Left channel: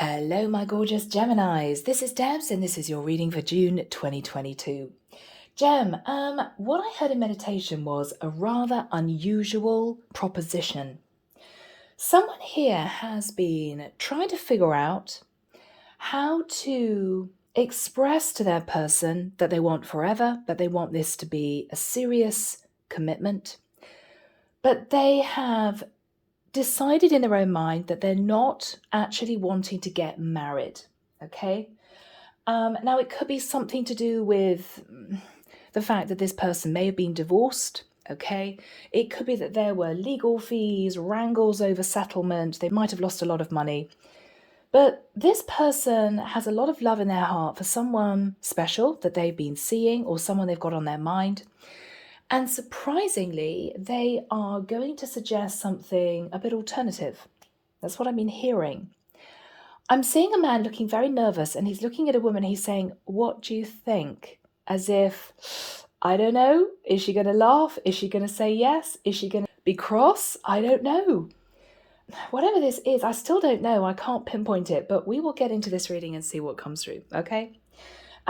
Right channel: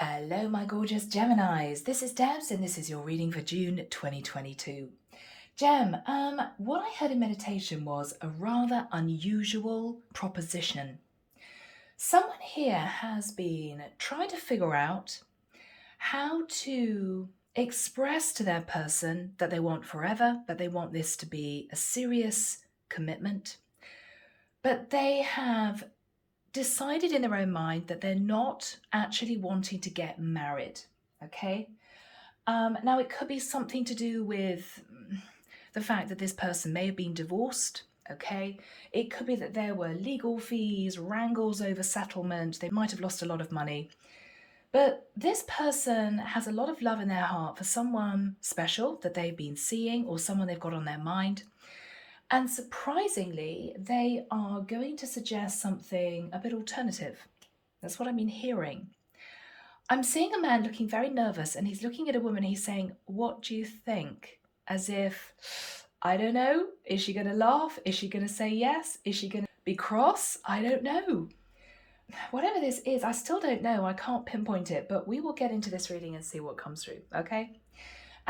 Hello, my gorgeous Geminis. This is Debs, and this is your reading for June 2022. Gem, what I heard in meditation was a rather unusual proposition. Someone here has been trying to figure out how to express to their person that they want forever, that they want this to be a serious commitment, but they have decided in their own mind that they're not actually wanting to get married. Okay. Now, it could be something to do with the fact that this person may have been divorced. Okay. It could be that there were legal fees, wrangles over settlement. They might have lost a lot of money. But this person has a lot of love in their heart for someone special that they've been seeing or someone they've got on their mind. And surprisingly, they are going to suggest something a bit alternative. That's what I've been hearing. I'm seeing a man looking very nervous, and he's looking at a woman. He's saying, "What do you think?" As if, I don't know. Is she going to laugh? Is she going to say yes? Is she going to be cross? I don't know. Whatever this is, I still don't know. I can't pinpoint it, but we will get into this reading and see what comes through, okay?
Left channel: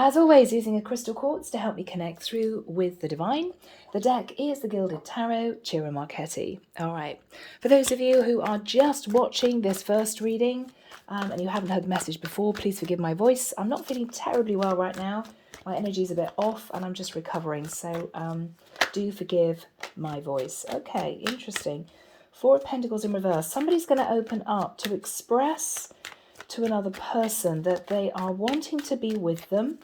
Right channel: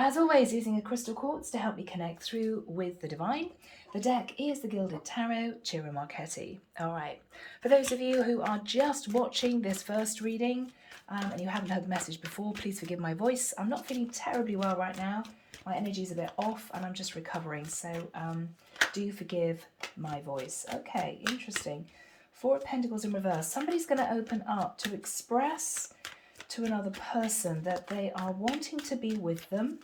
As always, using a crystal quartz to help me connect through with the divine. The deck is the Gilded Tarot, Ciro Marchetti. All right. For those of you who are just watching this first reading and you haven't heard the message before, please forgive my voice. I'm not feeling terribly well right now. My energy is a bit off and I'm just recovering. So do forgive my voice. Okay, interesting. Four of Pentacles in reverse. Somebody's going to open up to express to another person that they are wanting to be with them.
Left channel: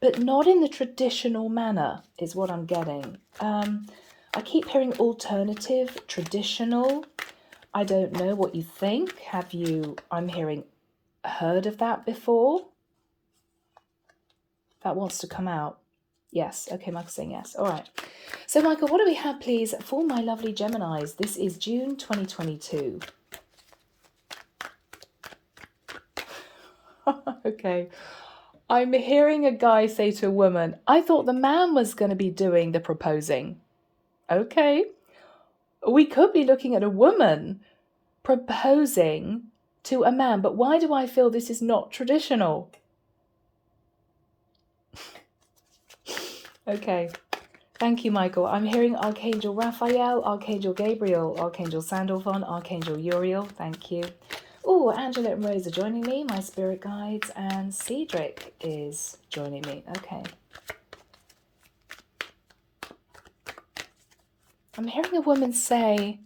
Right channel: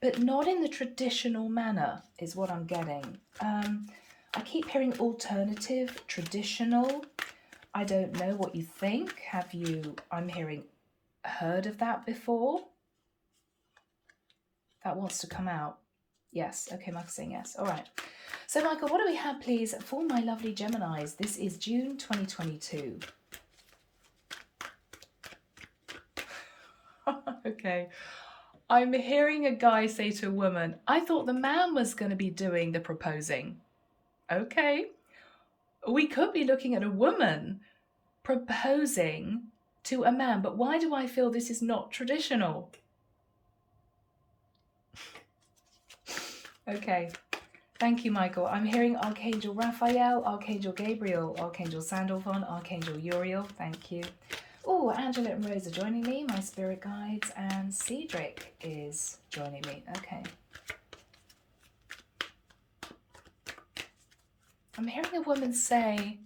But not in the traditional manner is what I'm getting. I keep hearing alternative, traditional. I don't know what you think. Have you, I'm hearing, heard of that before? That wants to come out. Yes. Okay, Michael's saying yes. All right. So, Michael, what do we have, please, for my lovely Geminis? This is June 2022. Okay. I'm hearing a guy say to a woman, I thought the man was going to be doing the proposing. Okay. We could be looking at a woman proposing to a man, but why do I feel this is not traditional? Okay. Thank you, Michael. I'm hearing Archangel Raphael, Archangel Gabriel, Archangel Sandalphon, Archangel Uriel. Thank you. Oh, Angela and Rose are joining me, my spirit guides, and Cedric is joining me. Okay. I'm hearing a woman say,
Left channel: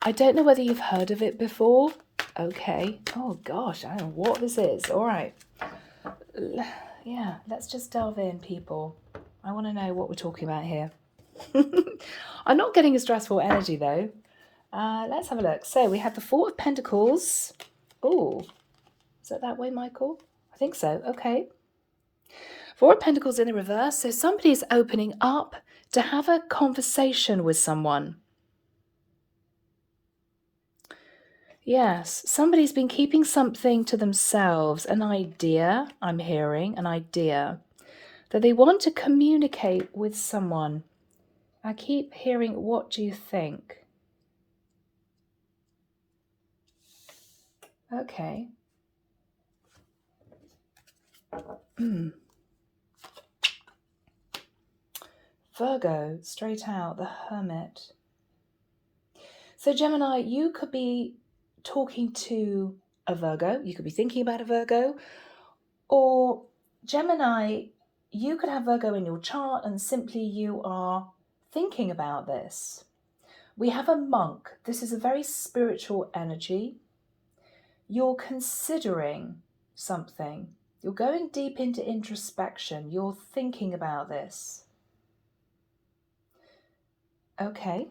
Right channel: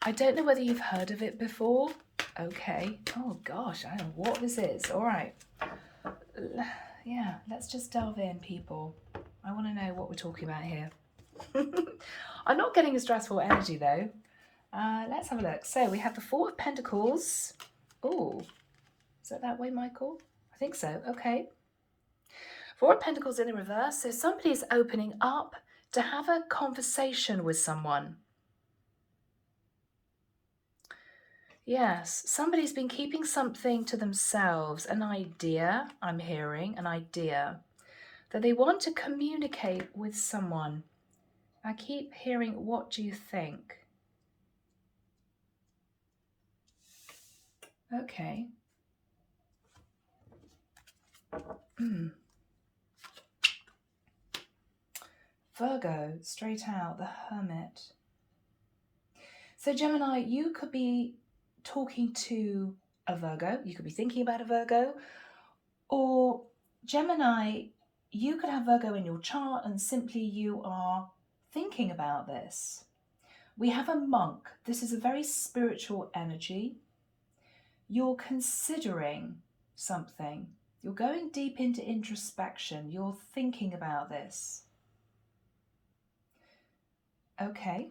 I don't know whether you've heard of it before. Okay. Oh, gosh, I don't know what this is. All right. Yeah, let's just delve in, people. I want to know what we're talking about here. I'm not getting a stressful energy, though. Let's have a look. So we have the Four of Pentacles. Oh, is that way, Michael? I think so. Okay. Four of Pentacles in the reverse. So somebody's opening up to have a conversation with someone. Yes, somebody's been keeping something to themselves, an idea, I'm hearing, an idea, that they want to communicate with someone. I keep hearing, what do you think? Okay. Virgo, straight out, the Hermit. So Gemini, you could be talking to a Virgo. You could be thinking about a Virgo. Or Gemini, you could have Virgo in your chart and simply you are thinking about this. We have a monk. This is a very spiritual energy. You're considering something. You're going deep into introspection. You're thinking about this. Okay.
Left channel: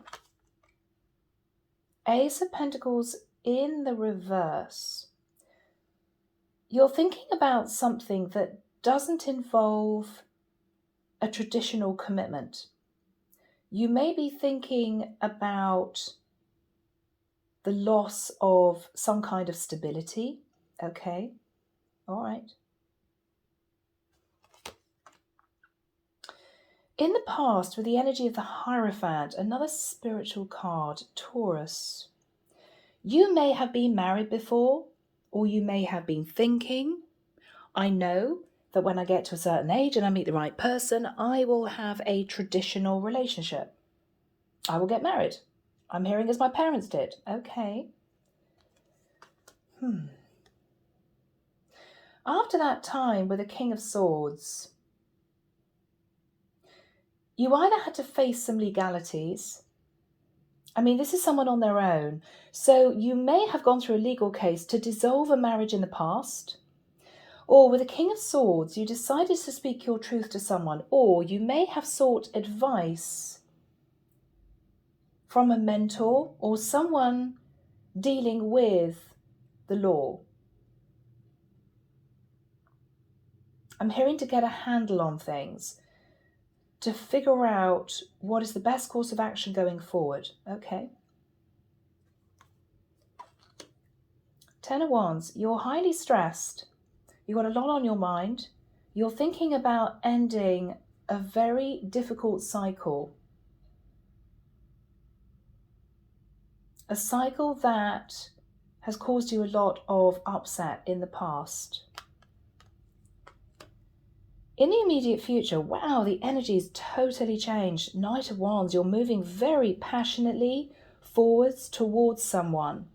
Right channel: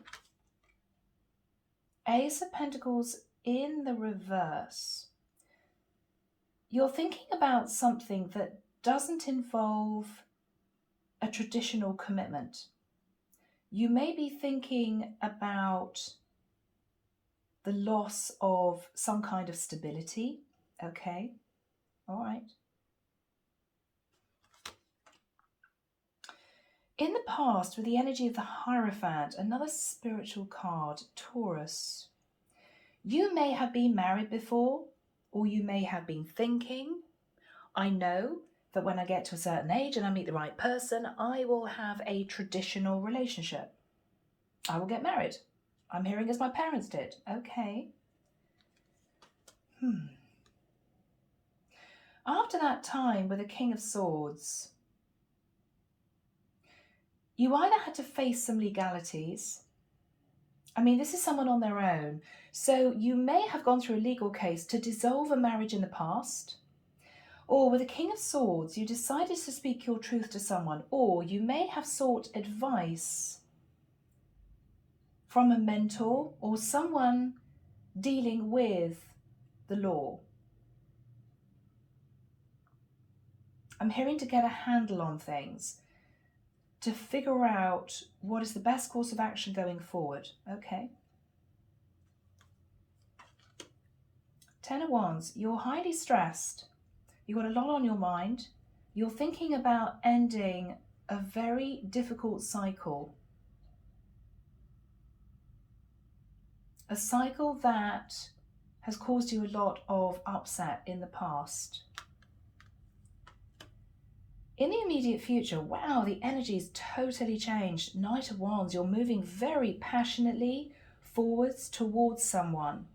Ace of Pentacles in the reverse. You're thinking about something that doesn't involve a traditional commitment. You may be thinking about the loss of some kind of stability. Okay. All right. In the past, with the energy of the Hierophant, another spiritual card, Taurus, You may have been married before, or you may have been thinking, I know that when I get to a certain age and I meet the right person, I will have a traditional relationship. I will get married. I'm hearing as my parents did. Okay. After that time with the King of Swords, you either had to face some legalities. I mean, this is someone on their own. So you may have gone through a legal case to dissolve a marriage in the past. Or with the King of Swords, you decided to speak your truth to someone. Or you may have sought advice from a mentor or someone dealing with the law. I'm hearing to get a handle on things, to figure out what is the best course of action going forward. Okay. Ten of Wands, you're highly stressed. You've got a lot on your mind. You're thinking about ending a very difficult cycle. A cycle that has caused you a lot of upset in the past. In the immediate future, wow, the energy's totally changed. Knight of Wands, you're moving very passionately forwards towards someone.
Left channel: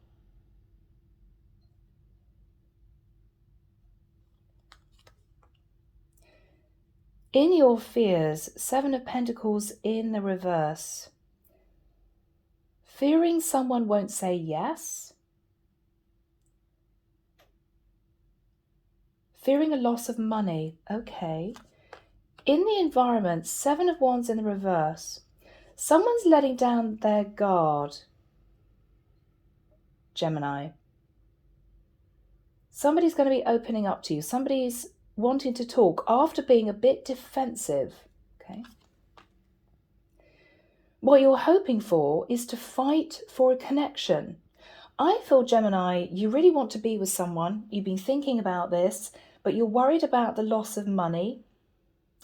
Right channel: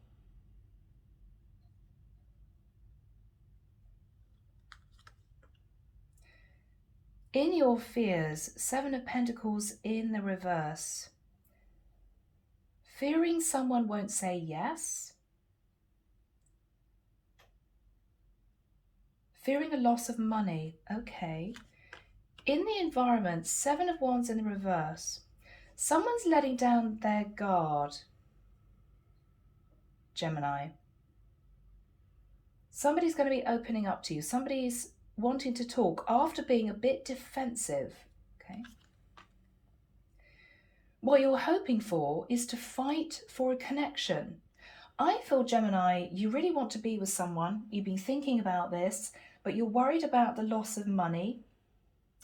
In your fears, Seven of Pentacles in the reverse. Fearing someone won't say yes. Fearing a loss of money. Okay. In the environment, Seven of Wands in the reverse. Someone's letting down their guard. Gemini. Somebody's going to be opening up to you. Somebody's wanting to talk after being a bit defensive. Okay. What you're hoping for is to fight for a connection. I feel, Gemini, you really want to be with someone. You've been thinking about this, but you're worried about the loss of money.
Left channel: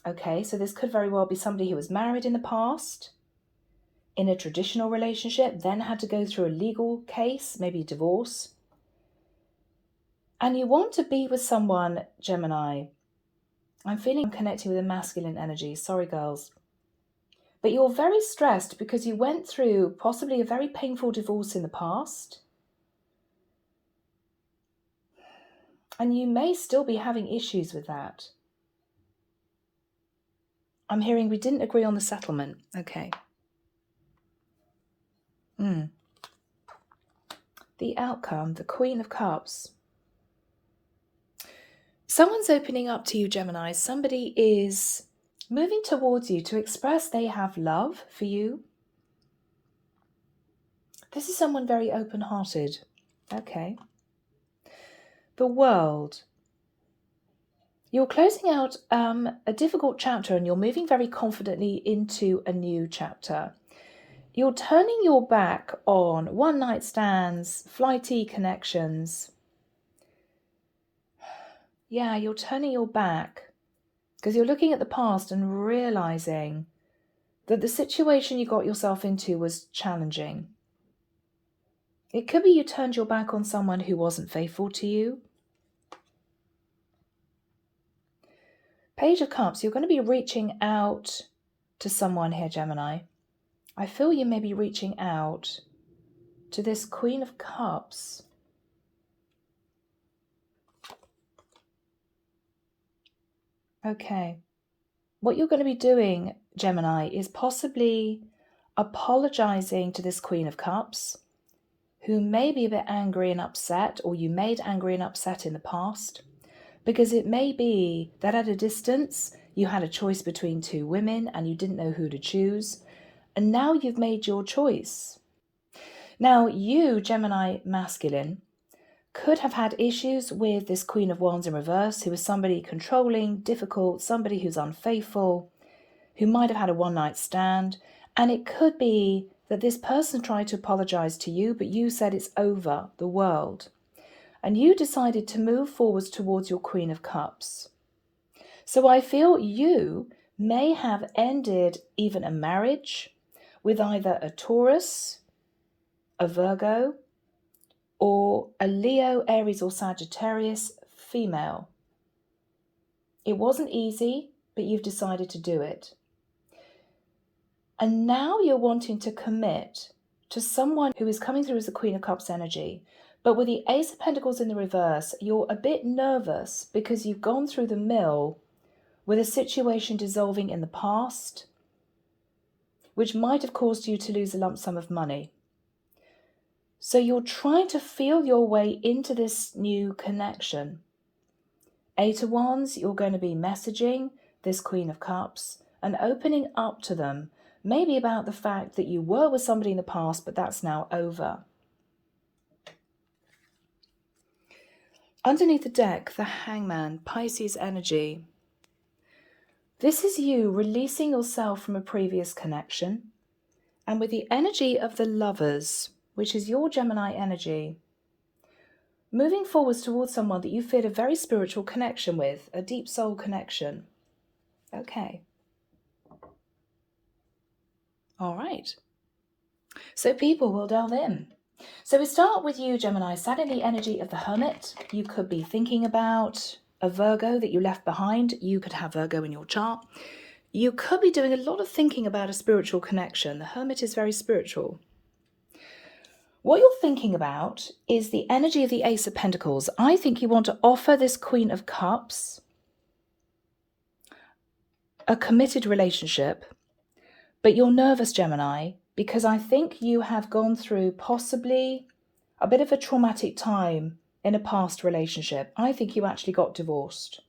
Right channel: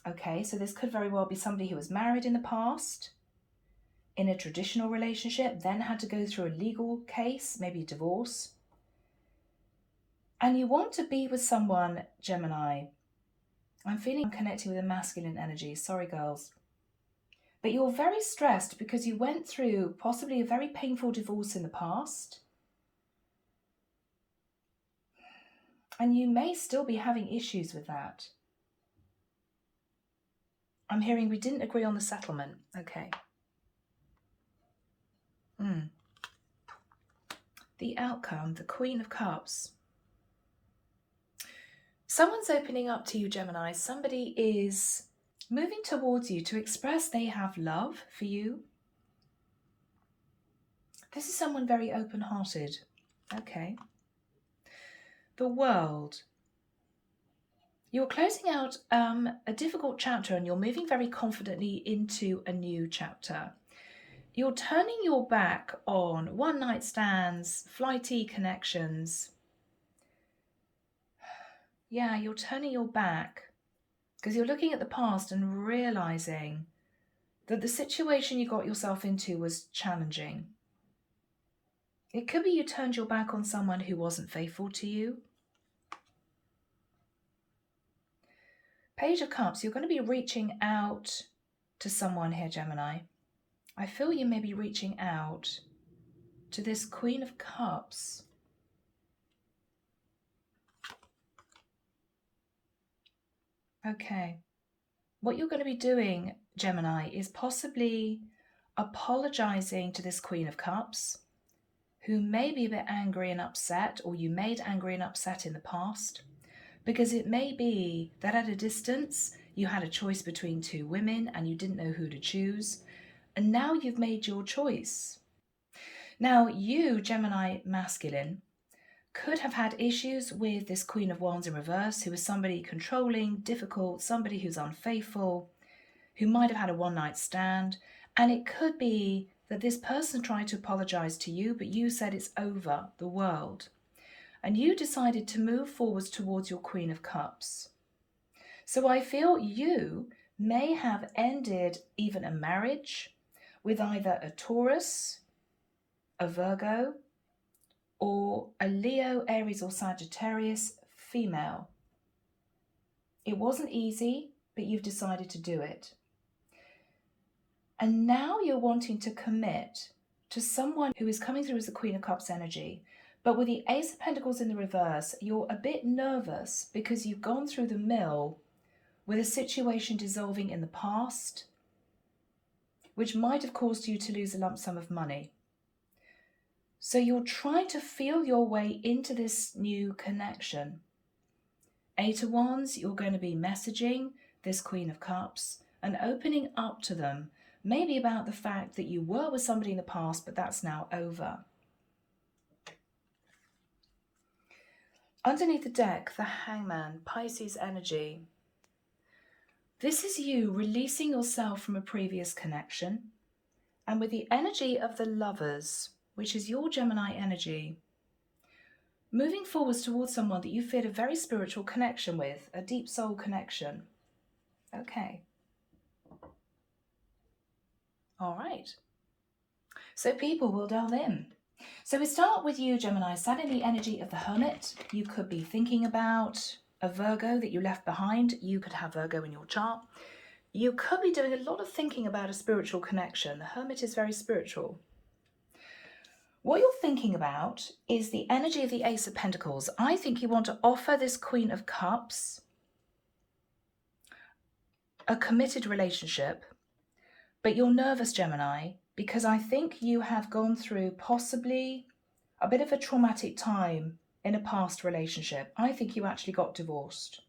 Okay, so this could very well be somebody who was married in the past, in a traditional relationship, then had to go through a legal case, maybe a divorce. And you want to be with someone, Gemini. I'm feeling I'm connecting with a masculine energy. Sorry, girls. But you're very stressed because you went through possibly a very painful divorce in the past. And you may still be having issues with that. I'm hearing we didn't agree on the settlement. Okay. The outcome, the Queen of Cups. Someone's opening up to you, Gemini. Somebody is moving towards you to express they have love for you. This is someone very open-hearted. Okay. The World. You're closing out a difficult chapter and you're moving very confidently into a new chapter. You're turning your back on one-night stands, flighty connections. Yeah, you're turning your back because you're looking at the past and realizing that the situation you got yourself into was challenging. It could be you turned your back on someone who wasn't faithful to you. Page of Cups, you're going to be reaching out to someone here, Gemini. I feel you may be reaching out to this Queen of Cups. Okay. What you're going to be doing, Gemini, is possibly apologizing to this Queen of Cups, who may be a bit angry and upset, or you made angry and upset in the past, because it may be that at a distance you had a choice between two women and you didn't know who to choose, and now you've made your choice. Now you, Gemini masculine, could have had issues with this Queen of Wands in reverse, who is somebody controlling, difficult, somebody who's unfaithful, who might have had a one-night stand, and it could be that this person tried to apologize to you, but you said it's over, the world. And you decided to move forwards towards your Queen of Cups. So I feel you may have ended even a marriage with either a Taurus, a Virgo, or a Leo, Aries, or Sagittarius female. It wasn't easy, but you've decided to do it. And now you're wanting to commit to someone who is coming through as the Queen of Cups energy. But with the Ace of Pentacles in the reverse, you're a bit nervous because you've gone through the mill with a situation dissolving in the past, which might have caused you to lose a lump sum of money. So you're trying to feel your way into this new connection. Eight of Wands, you're going to be messaging this Queen of Cups and opening up to them, maybe about the fact that you were with somebody in the past, but that's now over. Underneath the deck, the Hangman, Pisces energy. This is you releasing yourself from a previous connection. And with the energy of the Lovers, which is your Gemini energy, moving forwards towards someone that you feel a very spiritual connection with, a deep soul connection. Okay. All right. So people will delve in. So we start with you, Gemini, sat in the energy of the Hermit. You could be thinking about a Virgo that you left behind. You could have Virgo in your chart. You could be doing a lot of thinking about a spiritual connection. The Hermit is very spiritual. What you're thinking about is the energy of the Ace of Pentacles. I think you want to offer this Queen of Cups a committed relationship, but you're nervous, Gemini, because I think you have gone through possibly a bit of a traumatic time in a past relationship. I think you actually got divorced.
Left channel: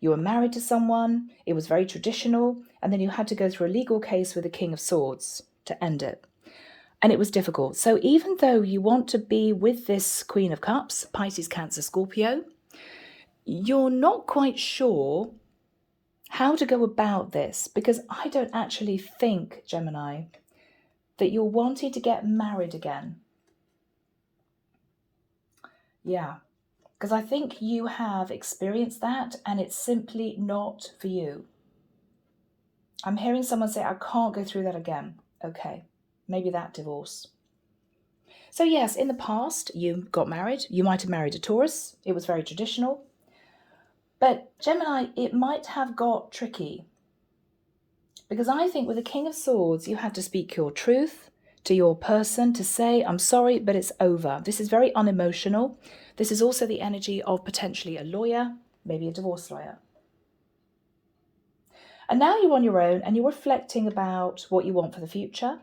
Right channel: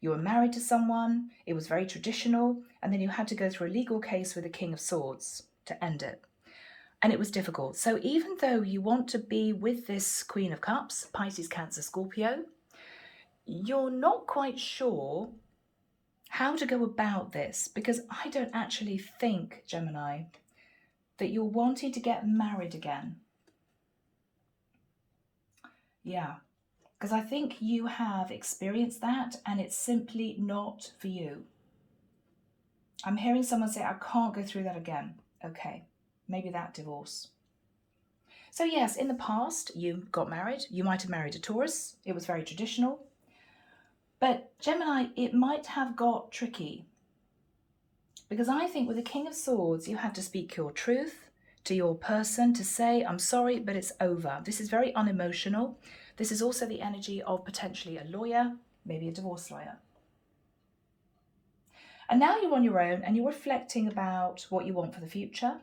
You were married to someone, it was very traditional, and then you had to go through a legal case with the King of Swords to end it. And it was difficult. So even though you want to be with this Queen of Cups, Pisces, Cancer, Scorpio, you're not quite sure how to go about this, because I don't actually think, Gemini, that you're wanting to get married again. Yeah, because I think you have experienced that and it's simply not for you. I'm hearing someone say, I can't go through that again. Okay, maybe that divorce. So yes, in the past, you got married. You might have married a Taurus. It was very traditional. But Gemini, it might have got tricky. Because I think with the King of Swords, you have to speak your truth to your person, to say, I'm sorry, but it's over. This is very unemotional. This is also the energy of potentially a lawyer, maybe a divorce lawyer. And now you're on your own and you're reflecting about what you want for the future.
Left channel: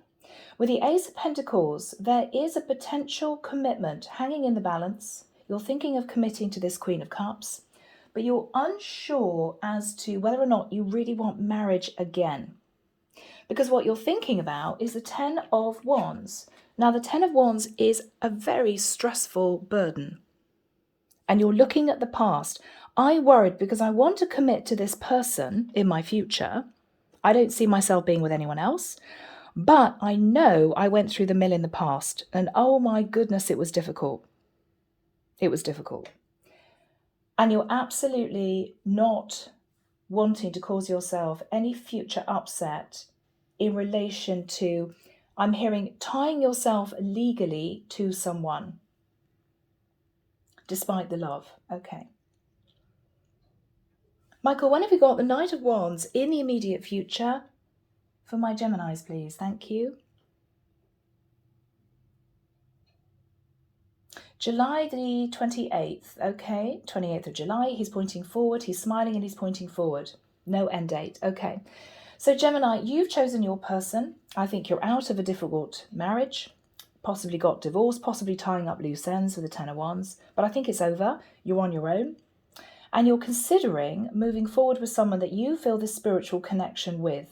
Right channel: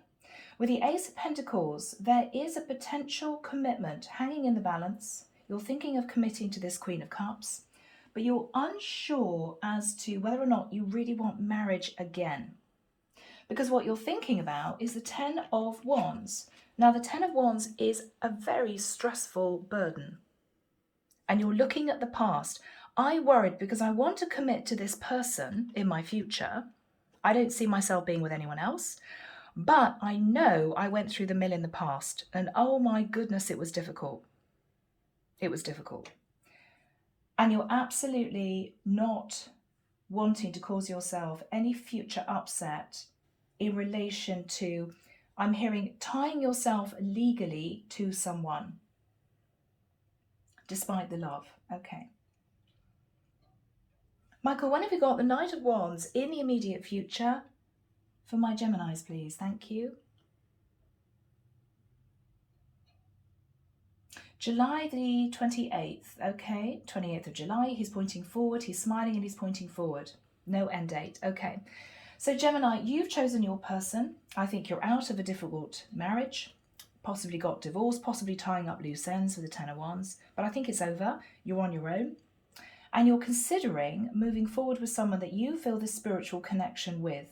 With the Ace of Pentacles, there is a potential commitment hanging in the balance. You're thinking of committing to this Queen of Cups, but you're unsure as to whether or not you really want marriage again. Because what you're thinking about is the Ten of Wands. Now, the Ten of Wands is a very stressful burden. And you're looking at the past. I worried because I want to commit to this person in my future. I don't see myself being with anyone else. But I know I went through the mill in the past. And oh my goodness, it was difficult. It was difficult. And you're absolutely not wanting to cause yourself any future upset in relation to, I'm hearing, tying yourself legally to someone, despite the love. Okay. Michael, when have you got the Knight of Wands in the immediate future? For my Geminis, please. Thank you. July the 28th. Okay, 28th of July. He's pointing forward. He's smiling and he's pointing forward. No end date. Okay. So Gemini, you've chosen your person. I think you're out of a difficult marriage, possibly got divorced, possibly tying up loose ends with the Ten of Wands, but I think it's over. You're on your own. And you're considering moving forward with someone that you feel this spiritual connection with.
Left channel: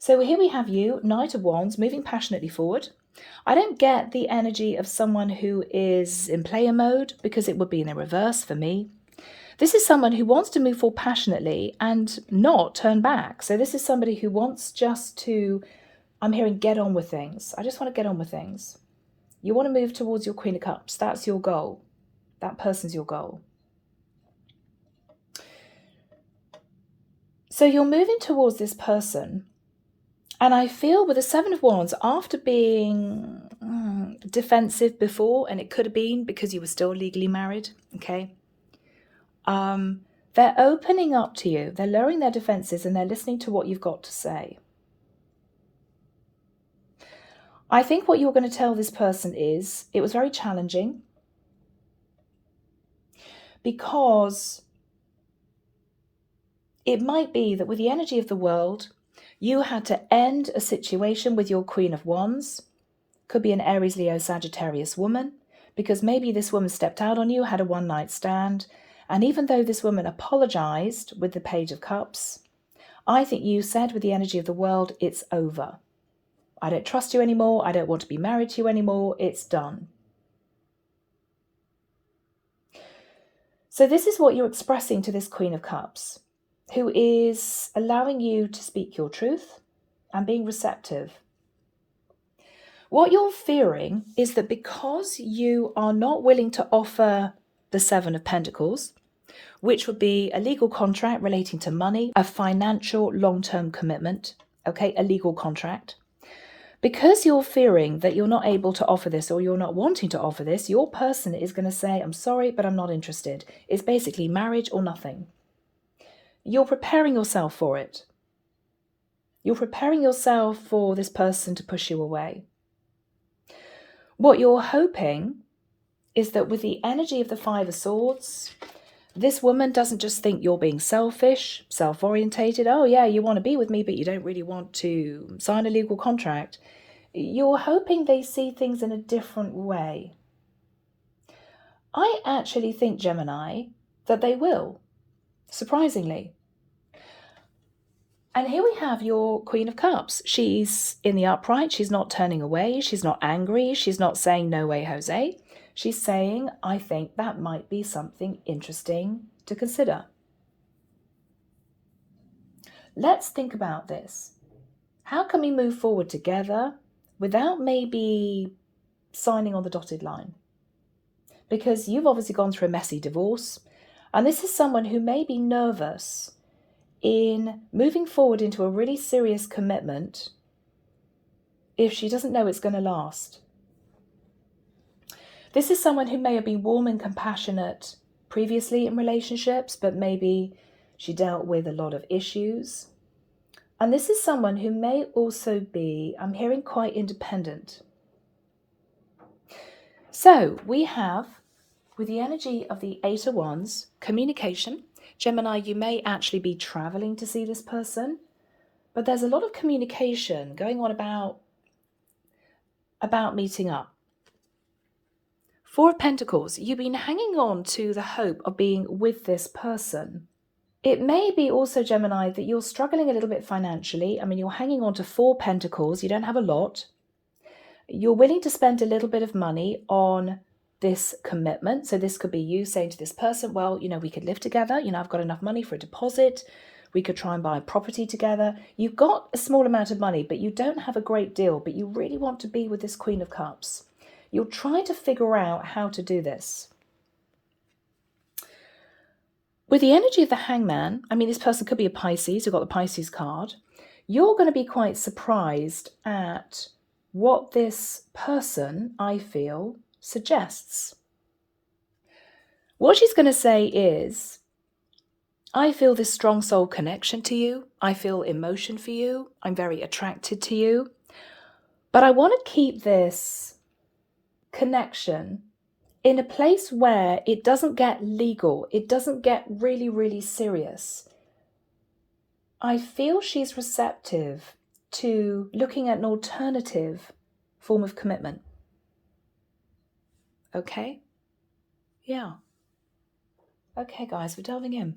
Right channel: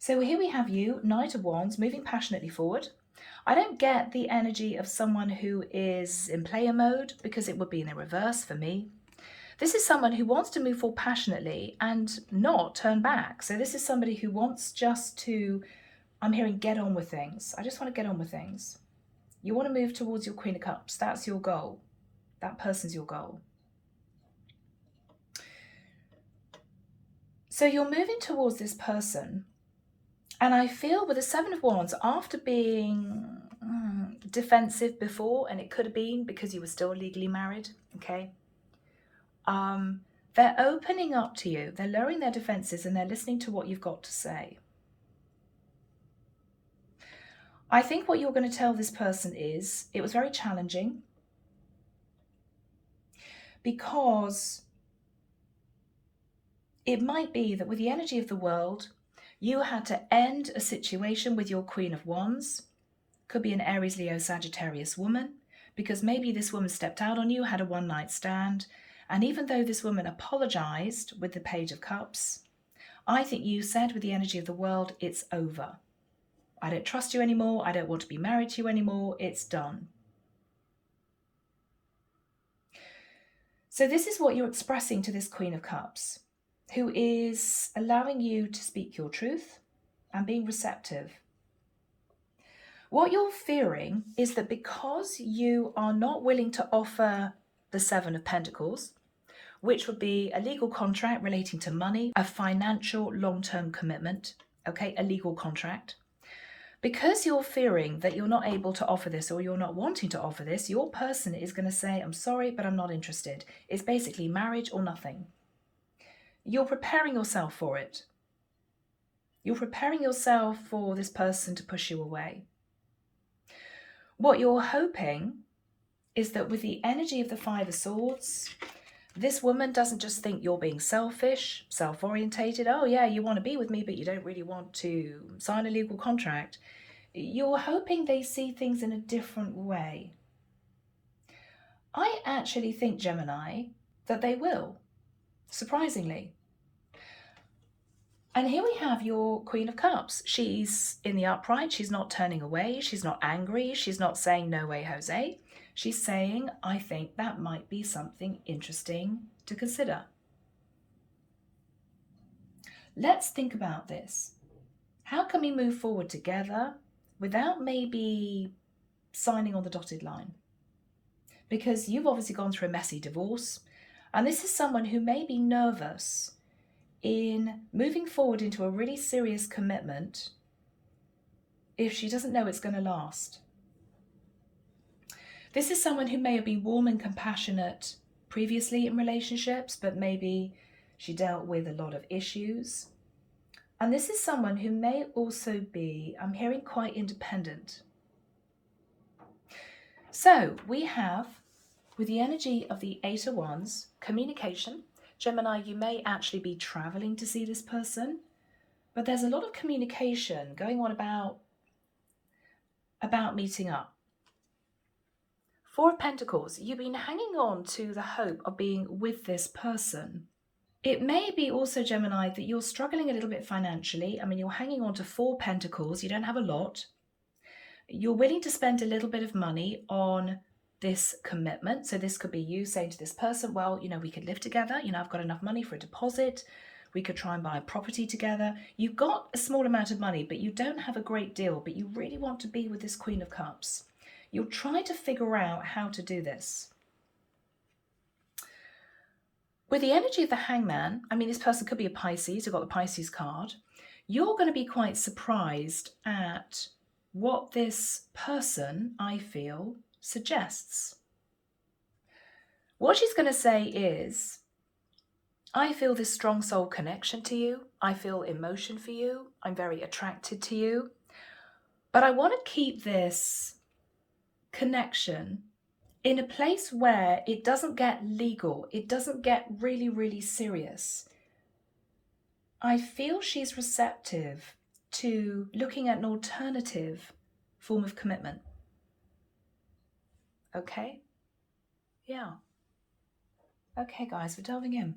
So here we have you, Knight of Wands, moving passionately forward. I don't get the energy of someone who is in player mode because it would be in the reverse for me. This is someone who wants to move forward passionately and not turn back. So this is somebody who wants just to, I'm hearing, get on with things. I just want to get on with things. You want to move towards your Queen of Cups. That's your goal. That person's your goal. So you're moving towards this person. And I feel with the Seven of Wands, after being defensive before, and it could have been because you were still legally married, okay? They're opening up to you. They're lowering their defenses and they're listening to what you've got to say. I think what you're going to tell this person is, it was very challenging because it might be that with the energy of the world, you had to end a situation with your Queen of Wands. Could be an Aries, Leo, Sagittarius woman, because maybe this woman stepped out on you, had a one-night stand, and even though this woman apologized with the Page of Cups, I think you said with the energy of the world, it's over. I don't trust you anymore. I don't want to be married to you anymore. It's done. So this is what you're expressing to this Queen of Cups, who is allowing you to speak your truth and being receptive. What you're fearing is that because you are not willing to offer the Seven of Pentacles, which would be a legal contract relating to money, a financial long-term commitment, okay, a legal contract. Because you're fearing that you're not able to offer this or you're not wanting to offer this, your person is going to say, I'm sorry, but I'm not interested. It's basically marriage or nothing. You're preparing yourself for it. You're preparing yourself for this person to push you away. What you're hoping is that with the energy of the Five of Swords, this woman doesn't just think you're being selfish, self-orientated. Oh yeah, you want to be with me, but you don't really want to sign a legal contract. You're hoping they see things in a different way. I actually think, Gemini, that they will, surprisingly. And here we have your Queen of Cups. She's in the upright. She's not turning away. She's not angry. She's not saying, no way, Jose. She's saying, I think that might be something interesting to consider. Let's think about this. How can we move forward together without maybe signing on the dotted line? Because you've obviously gone through a messy divorce, and this is someone who may be nervous in moving forward into a really serious commitment if she doesn't know it's going to last. This is someone who may have been warm and compassionate previously in relationships, but maybe she dealt with a lot of issues. And this is someone who may also be, I'm hearing, quite independent. So we have, with the energy of the Eight of Wands, communication. Gemini, you may actually be traveling to see this person, but there's a lot of communication going on about meeting up. Four of Pentacles, you've been hanging on to the hope of being with this person. It may be also, Gemini, that you're struggling a little bit financially. I mean, you're hanging on to Four Pentacles. You don't have a lot. You're willing to spend a little bit of money on this commitment. So this could be you saying to this person, well, you know, we could live together. You know, I've got enough money for a deposit. We could try and buy property together. You've got a small amount of money, but you don't have a great deal, but you really want to be with this Queen of Cups. You're trying to figure out how to do this. With the energy of the Hangman, I mean, this person could be a Pisces, who got the Pisces card. You're going to be quite surprised at what this person, I feel, suggests. What she's going to say is, I feel this strong soul connection to you. I feel emotion for you. I'm very attracted to you. But I want to keep this connection in a place where it doesn't get legal. It doesn't get really, really serious. I feel she's receptive to looking at an alternative form of commitment. Okay? Yeah. Okay, guys, we're delving in.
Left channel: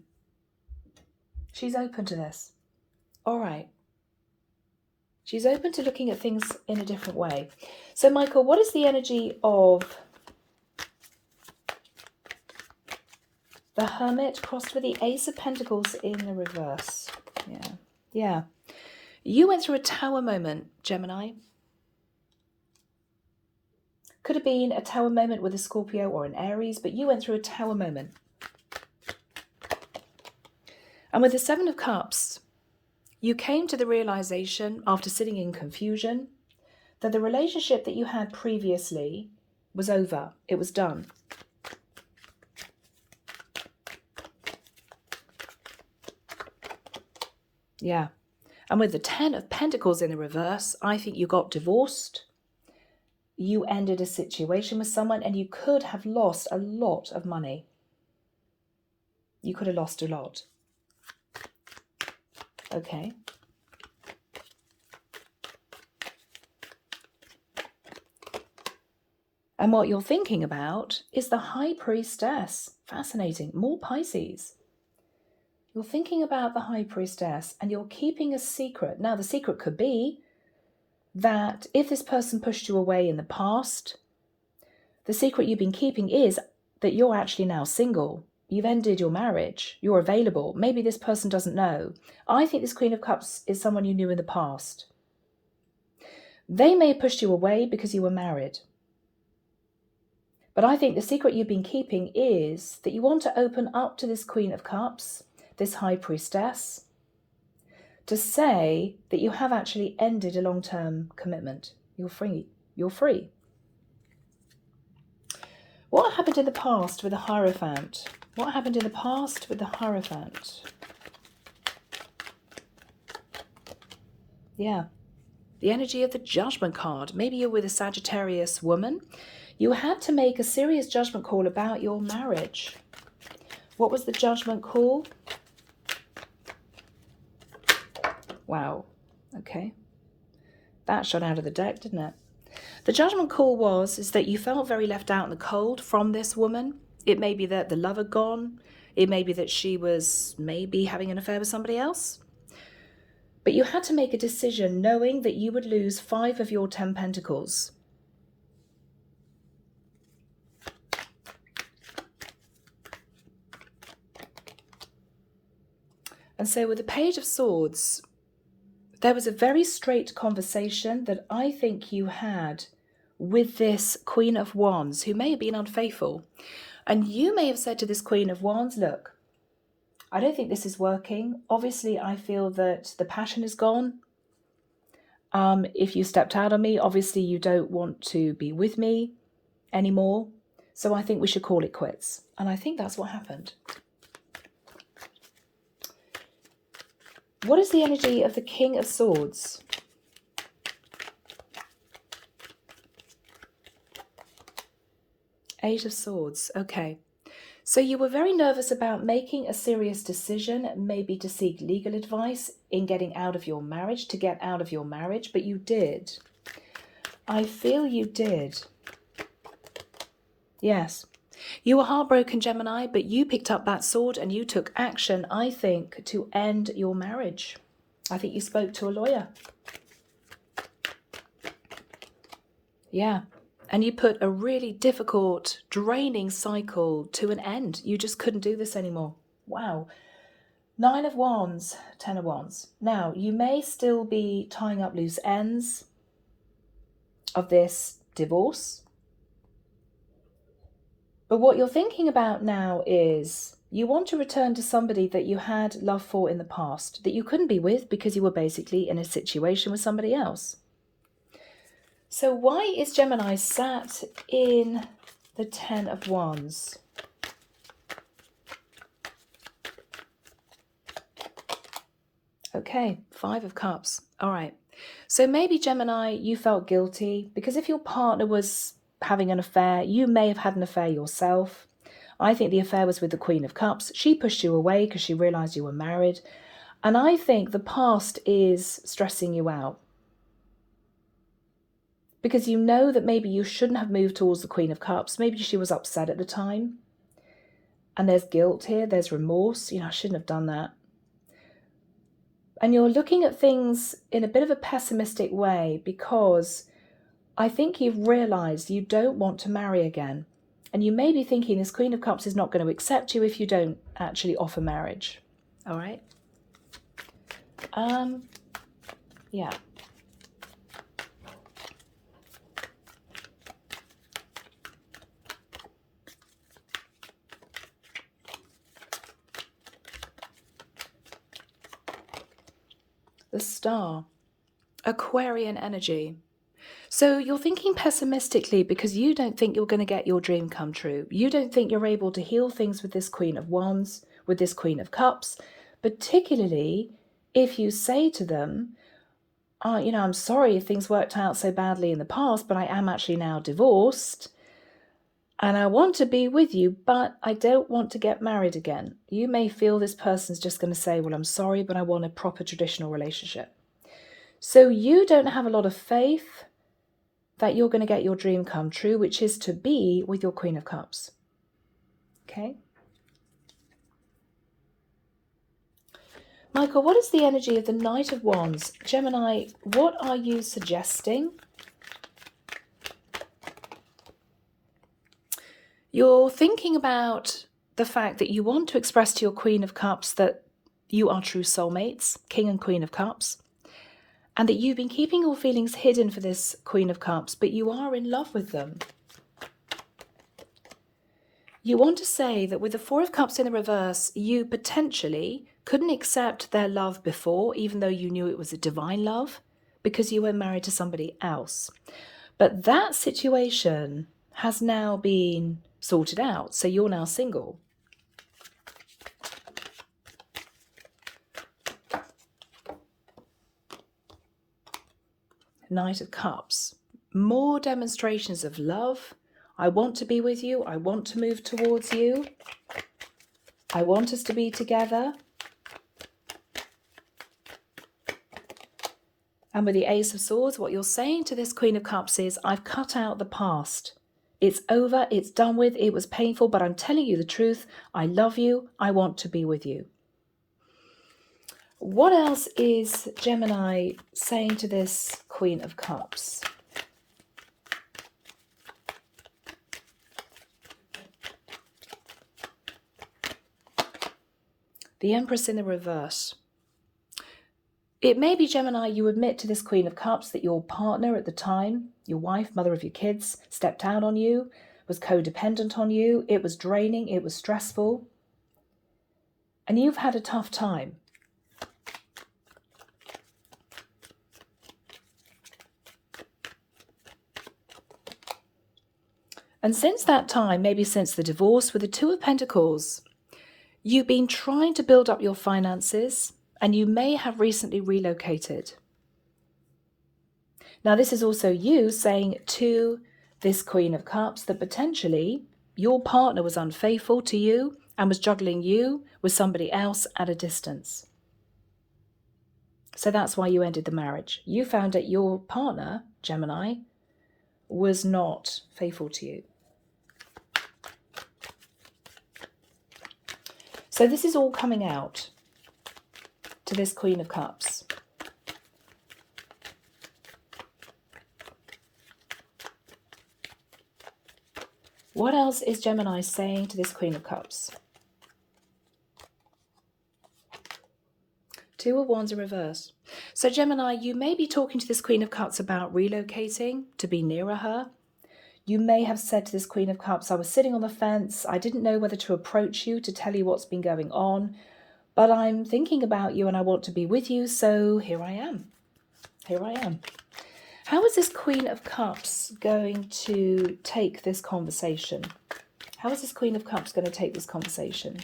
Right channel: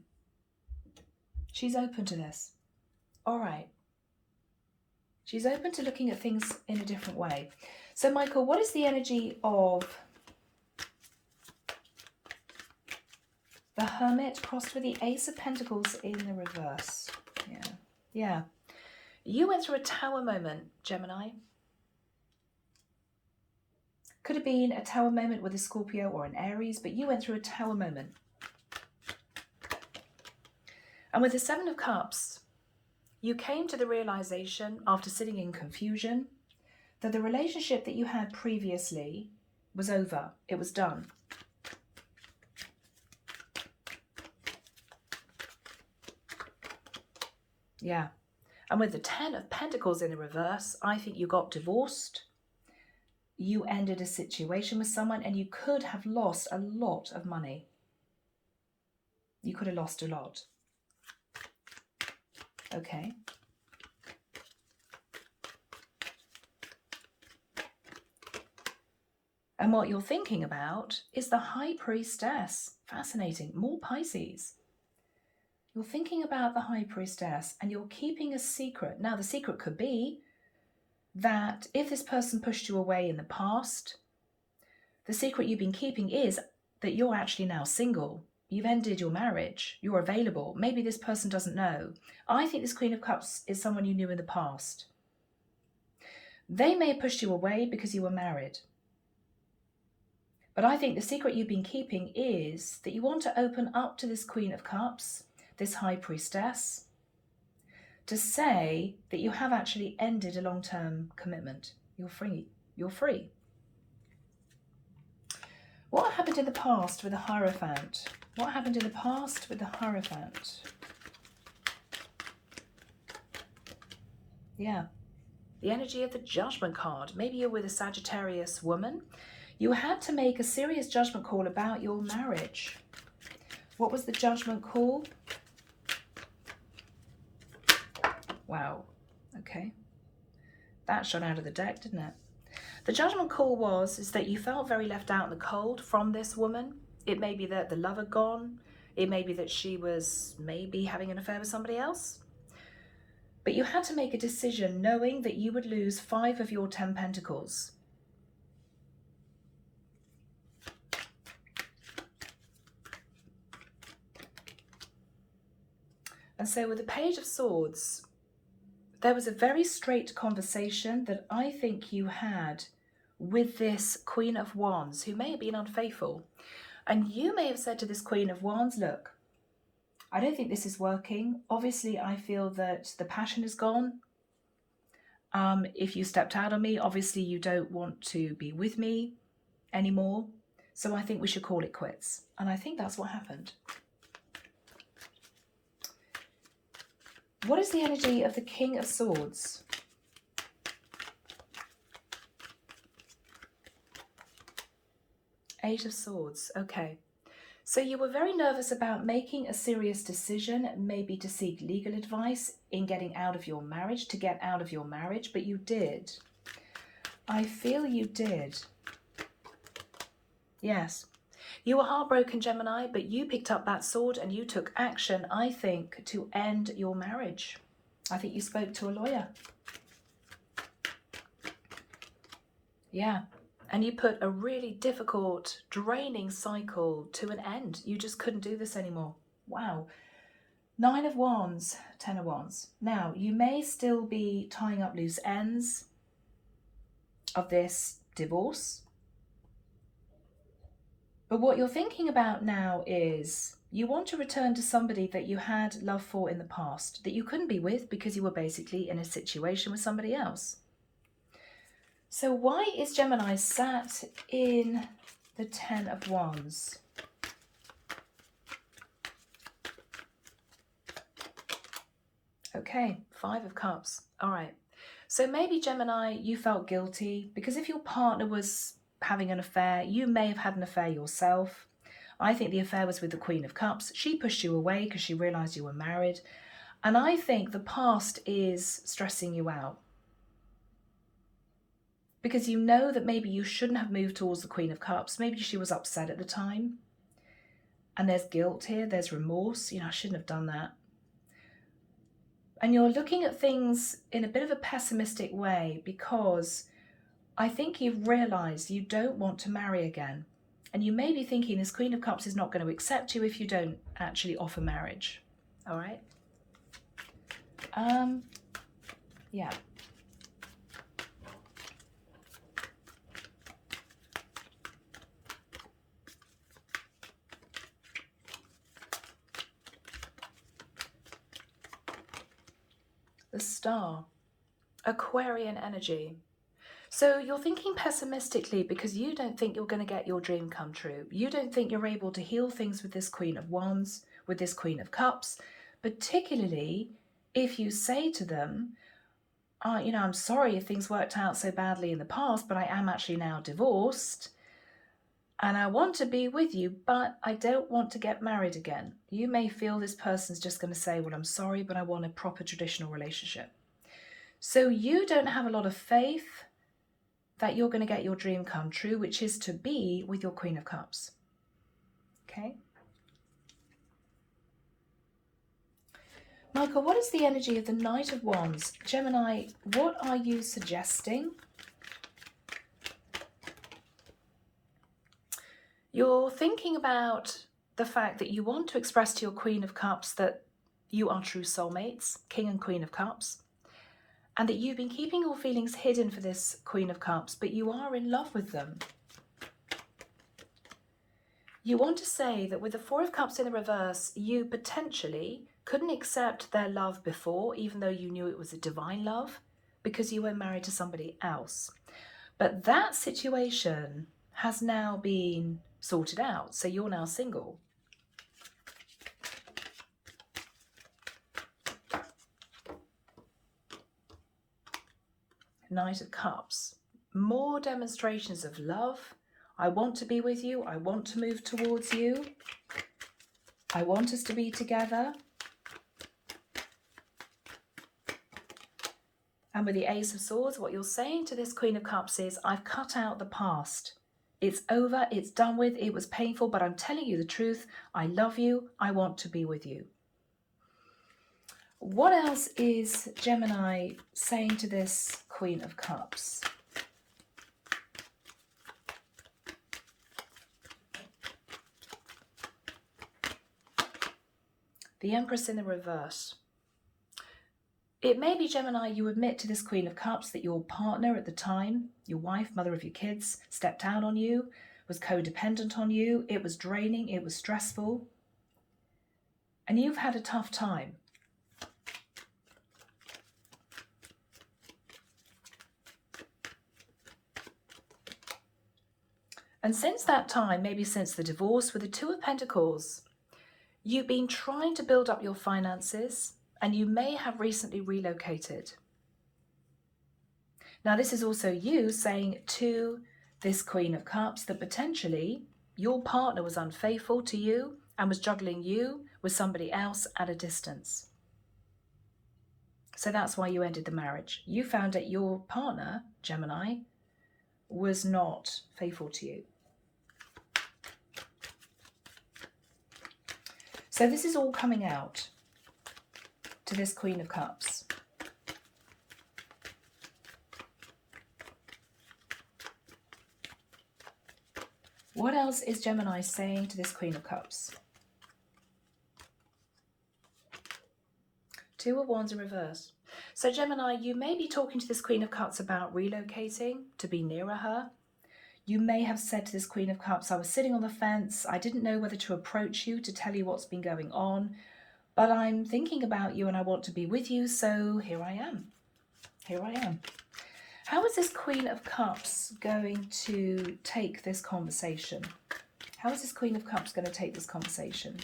She's open to this. All right. She's open to looking at things in a different way. So, Michael, what is the energy of the Hermit crossed with the Ace of Pentacles in the reverse? Yeah. You went through a tower moment, Gemini. Could have been a tower moment with a Scorpio or an Aries, but you went through a tower moment. And with the Seven of Cups, you came to the realization after sitting in confusion that the relationship that you had previously was over. It was done. Yeah. And with the 10 of Pentacles in the reverse, I think you got divorced. You ended a situation with someone and you could have lost a lot of money. You could have lost a lot. Okay. And what you're thinking about is the High Priestess. Fascinating. More Pisces. You're thinking about the High Priestess and you're keeping a secret. Now, the secret could be that if this person pushed you away in the past, the secret you've been keeping is that you're actually now single. You've ended your marriage. You're available. Maybe this person doesn't know. I think this Queen of Cups is someone you knew in the past. They may have pushed you away because you were married. But I think the secret you've been keeping is that you want to open up to this Queen of Cups, this High Priestess, to say that you have actually ended a long-term commitment. You're free. You're free. What happened in the past with the Hierophant? What happened in the past with the Hierophant? Yeah. The energy of the Judgment card. Maybe you're with a Sagittarius woman. You had to make a serious judgment call about your marriage. What was the judgment call? Wow. Okay. That shot out of the deck, didn't it? The judgment call is that you felt very left out in the cold from this woman. It may be that the love had gone. It may be that she was maybe having an affair with somebody else. But you had to make a decision knowing that you would lose 5 of your 10 pentacles. And so with the Page of Swords, there was a very straight conversation that I think you had with this Queen of Wands, who may have been unfaithful. And you may have said to this Queen of Wands, look, I don't think this is working. Obviously, I feel that the passion is gone. If you stepped out on me, obviously you don't want to be with me anymore. So I think we should call it quits. And I think that's what happened. What is the energy of the King of Swords? Eight of Swords. Okay. So you were very nervous about making a serious decision, maybe to seek legal advice in getting out of your marriage, to get out of your marriage, but you did. I feel you did. Yes. You were heartbroken, Gemini, but you picked up that sword and you took action, I think, to end your marriage. I think you spoke to a lawyer. Yeah. And you put a really difficult, draining cycle to an end. You just couldn't do this anymore. Wow. 9 of Wands, 10 of Wands. Now, you may still be tying up loose ends of this divorce. But what you're thinking about now is you want to return to somebody that you had love for in the past, that you couldn't be with because you were basically in a situation with somebody else. So why is Gemini sat in the 10 of Wands? Okay, 5 of Cups. All right. So maybe, Gemini, you felt guilty because if your partner was having an affair, you may have had an affair yourself. I think the affair was with the Queen of Cups. She pushed you away because she realized you were married. And I think the past is stressing you out. Because you know that maybe you shouldn't have moved towards the Queen of Cups. Maybe she was upset at the time. And there's guilt here. There's remorse. I shouldn't have done that. And you're looking at things in a bit of a pessimistic way because I think you've realized you don't want to marry again. And you may be thinking this Queen of Cups is not going to accept you if you don't actually offer marriage. All right? Yeah. The Star, Aquarian energy. So you're thinking pessimistically because you don't think you're going to get your dream come true. You don't think you're able to heal things with this Queen of Wands, with this Queen of Cups, particularly if you say to them, oh, I'm sorry if things worked out so badly in the past, but I am actually now divorced and I want to be with you, but I don't want to get married again. You may feel this person's just going to say, well, I'm sorry, but I want a proper traditional relationship. So you don't have a lot of faith that you're going to get your dream come true, which is to be with your Queen of Cups. Okay? Michael, what is the energy of the Knight of Wands? Gemini, what are you suggesting? You're thinking about the fact that you want to express to your Queen of Cups that you are true soulmates, King and Queen of Cups, and that you've been keeping your feelings hidden for this Queen of Cups, but you are in love with them. You want to say that with the Four of Cups in the reverse, you potentially couldn't accept their love before, even though you knew it was a divine love, because you were married to somebody else. But that situation has now been sorted out, so you're now single. Knight of Cups. More demonstrations of love. I want to be with you. I want to move towards you. I want us to be together. And with the Ace of Swords, what you're saying to this Queen of Cups is, I've cut out the past. It's over. It's done with. It was painful, but I'm telling you the truth. I love you. I want to be with you. What else is Gemini saying to this Queen of Cups? The Empress in the reverse. It may be, Gemini, you admit to this Queen of Cups that your partner at the time, your wife, mother of your kids, stepped out on you, was codependent on you. It was draining. It was stressful. And you've had a tough time. And since that time, maybe since the divorce with the Two of Pentacles, you've been trying to build up your finances, and you may have recently relocated. Now, this is also you saying to this Queen of Cups that potentially your partner was unfaithful to you and was juggling you with somebody else at a distance. So that's why you ended the marriage. You found that your partner, Gemini, was not faithful to you. So this is all coming out to this Queen of Cups. What else is Gemini saying to this Queen of Cups? Two of Wands in reverse. So Gemini, you may be talking to this Queen of Cups about relocating to be nearer her. You may have said to this Queen of Cups, I was sitting on the fence. I didn't know whether to approach you to tell you what's been going on, but I'm thinking about you and I want to be with you. So here I am. Here I am. How is this Queen of Cups going to take this conversation? How is this Queen of Cups going to take this conversation?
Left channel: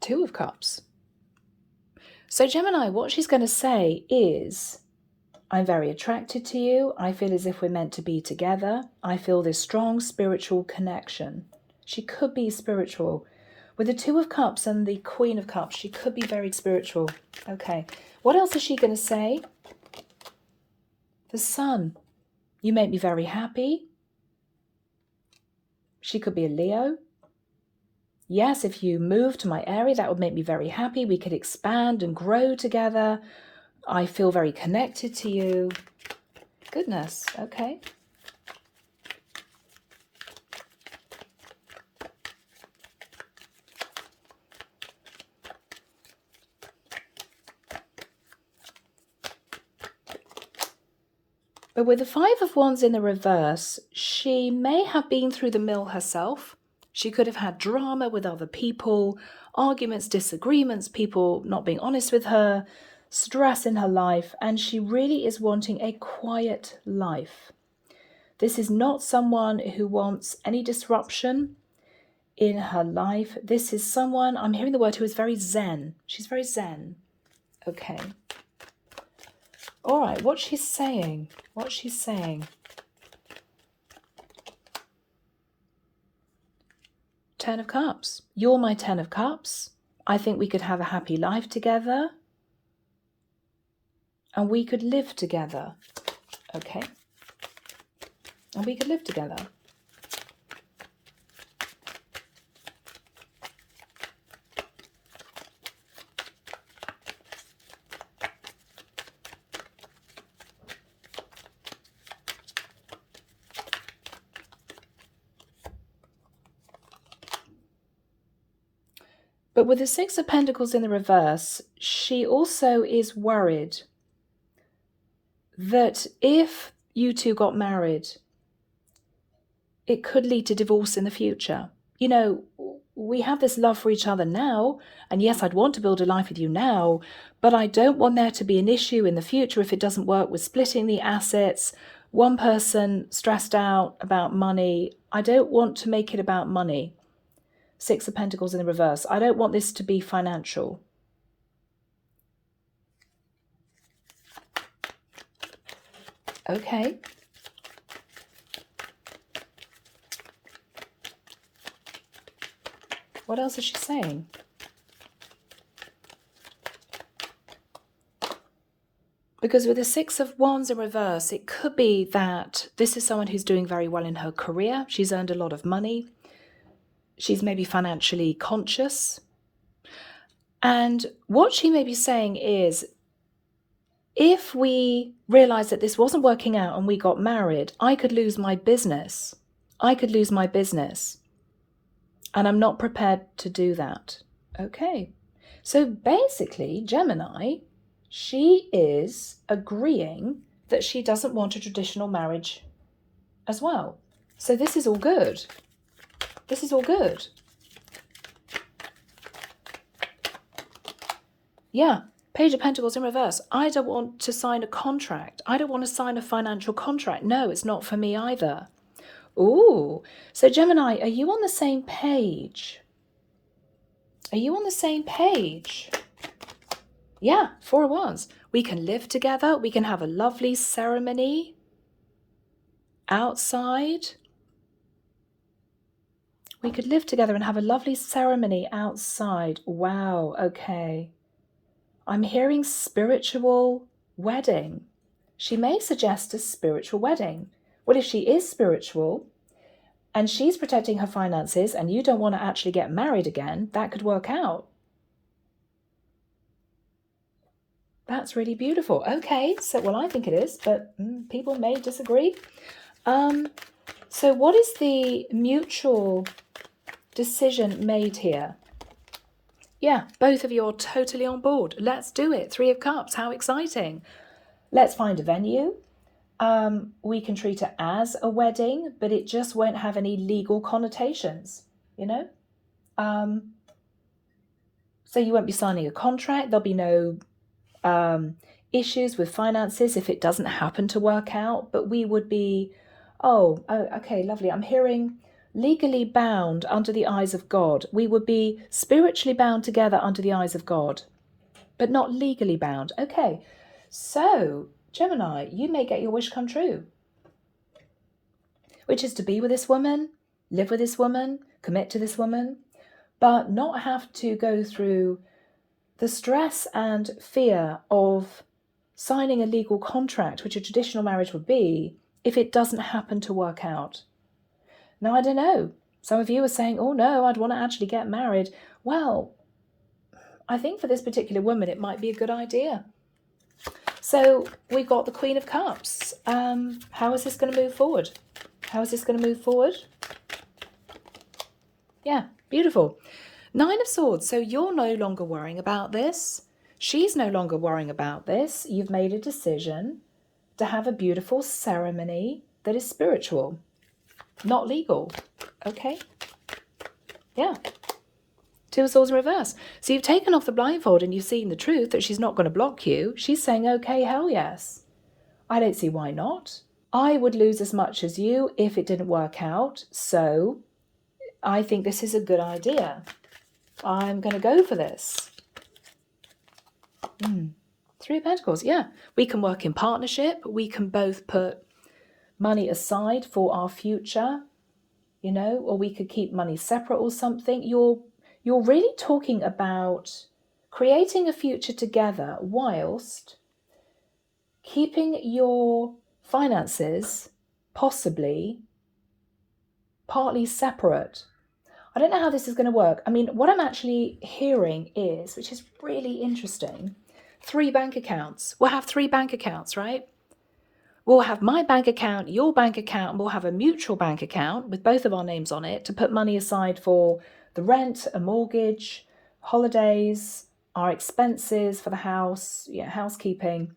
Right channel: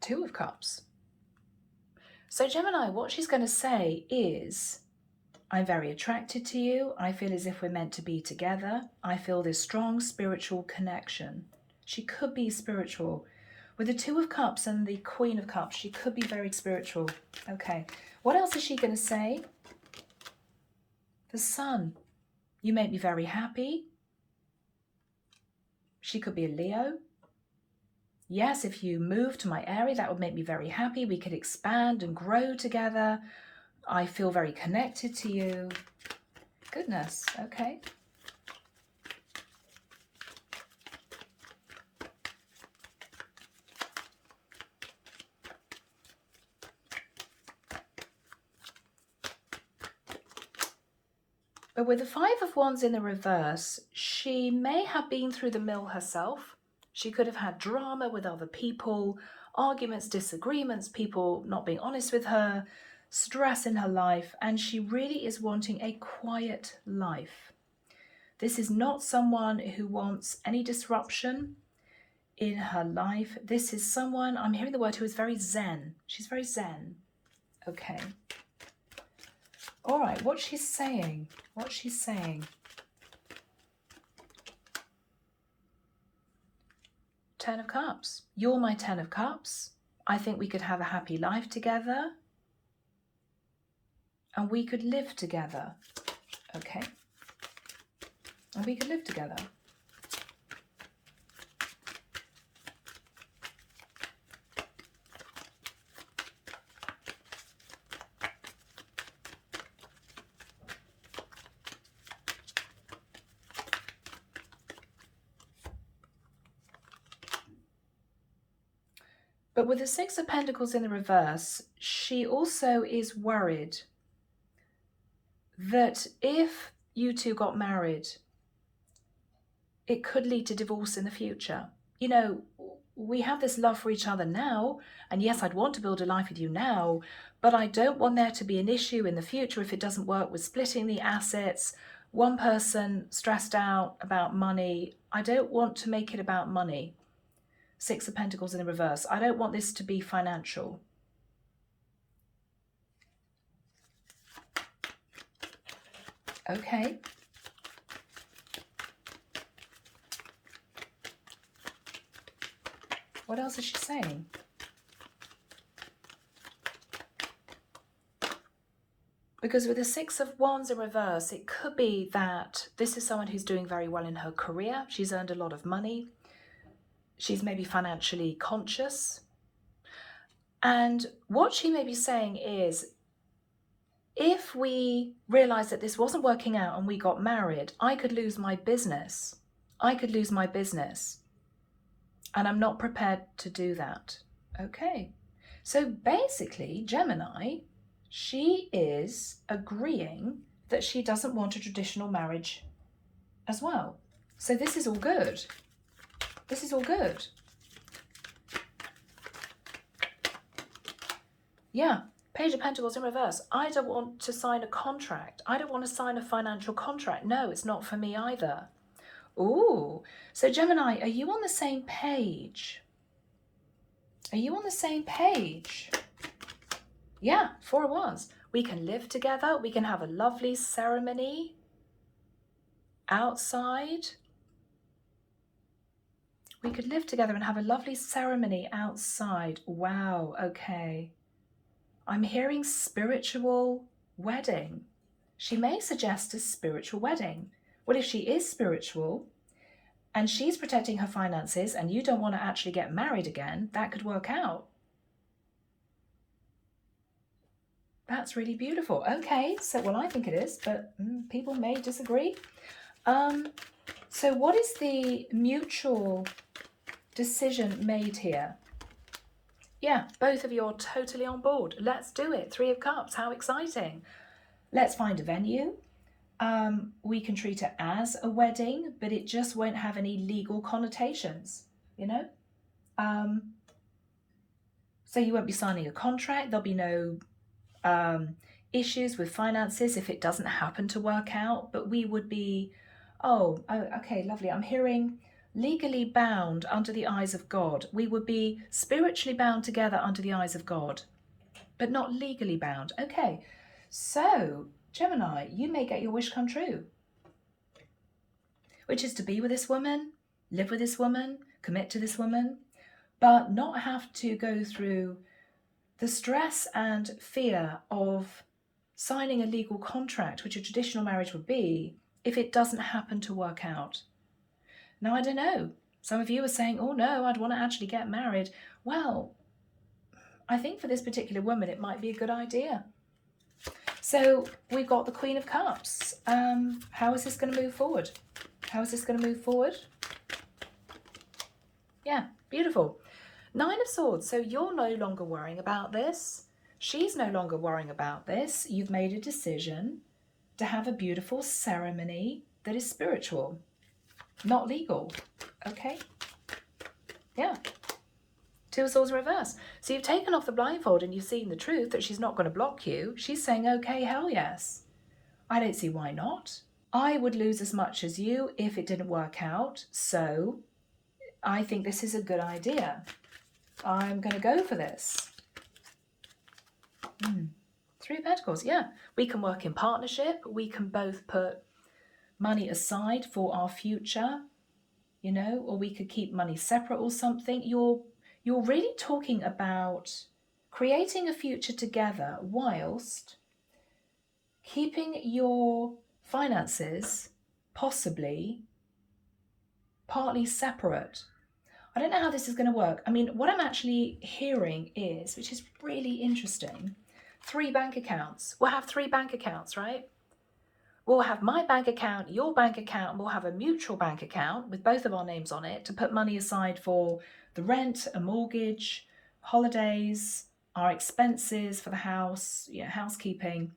Two of Cups. So Gemini, what she's going to say is, I'm very attracted to you. I feel as if we're meant to be together. I feel this strong spiritual connection. She could be spiritual. With the Two of Cups and the Queen of Cups, she could be very spiritual. Okay. What else is she going to say? The Sun. You make me very happy. She could be a Leo. Yes, if you move to my area, that would make me very happy. We could expand and grow together. I feel very connected to you. Goodness, okay. But with the Five of Wands in the reverse, she may have been through the mill herself. She could have had drama with other people, arguments, disagreements, people not being honest with her, stress in her life, and she really is wanting a quiet life. This is not someone who wants any disruption in her life. This is someone, I'm hearing the word, who is very zen. She's very zen. Okay. All right, what's she saying? What's she saying? Ten of Cups. You're my Ten of Cups. I think we could have a happy life together. And we could live together. Okay. And we could live together. But with the Six of Pentacles in the reverse, she also is worried that if you two got married, it could lead to divorce in the future. You know, we have this love for each other now, and yes, I'd want to build a life with you now, but I don't want there to be an issue in the future if it doesn't work with splitting the assets, one person stressed out about money. I don't want to make it about money. Six of Pentacles in the reverse. I don't want this to be financial. Okay. What else is she saying? Because with the Six of Wands in reverse, it could be that this is someone who's doing very well in her career. She's earned a lot of money. She's maybe financially conscious. And what she may be saying is, if we realized that this wasn't working out and we got married, I could lose my business. I could lose my business. And I'm not prepared to do that. Okay. So basically, Gemini, she is agreeing that she doesn't want a traditional marriage as well. So this is all good. This is all good. Yeah, Page of Pentacles in reverse. I don't want to sign a contract. I don't want to sign a financial contract. No, it's not for me either. Ooh, so Gemini, are you on the same page? Are you on the same page? Yeah, Four of Wands. We can live together. We can have a lovely ceremony outside. We could live together and have a lovely ceremony outside. Wow, okay. I'm hearing spiritual wedding. She may suggest a spiritual wedding. Well, if she is spiritual and she's protecting her finances and you don't want to actually get married again, that could work out. That's really beautiful. Okay, so, well, I think it is, but people may disagree. So what is the mutual decision made here? Yeah, both of you are totally on board. Let's do it. Three of Cups. How exciting. Let's find a venue. We can treat it as a wedding, but it just won't have any legal connotations, you know? So you won't be signing a contract. There'll be no issues with finances if it doesn't happen to work out, but we would be, oh, okay, lovely. I'm hearing legally bound under the eyes of God. We would be spiritually bound together under the eyes of God, but not legally bound. Okay, so Gemini, you may get your wish come true, which is to be with this woman, live with this woman, commit to this woman, but not have to go through the stress and fear of signing a legal contract, which a traditional marriage would be, if it doesn't happen to work out. Now, I don't know. Some of you are saying, oh no, I'd want to actually get married. Well, I think for this particular woman, it might be a good idea. So we've got the Queen of Cups. How is this going to move forward? How is this going to move forward? Yeah, beautiful. Nine of Swords. So you're no longer worrying about this. She's no longer worrying about this. You've made a decision. to have a beautiful ceremony that is spiritual, not legal. Okay? Yeah. Two of Swords in reverse. So you've taken off the blindfold and you've seen the truth that she's not going to block you. She's saying, okay, hell yes. I don't see why not. I would lose as much as you if it didn't work out. So I think this is a good idea. I'm going to go for this. Three of Pentacles, yeah. We can work in partnership. We can both put money aside for our future, you know, or we could keep money separate or something. You're really talking about creating a future together whilst keeping your finances possibly partly separate. I don't know how this is going to work. I mean, what I'm actually hearing is, which is really interesting, 3 bank accounts. We'll have 3 bank accounts, right? We'll have my bank account, your bank account, and we'll have a mutual bank account with both of our names on it to put money aside for the rent, a mortgage, holidays, our expenses for the house, housekeeping.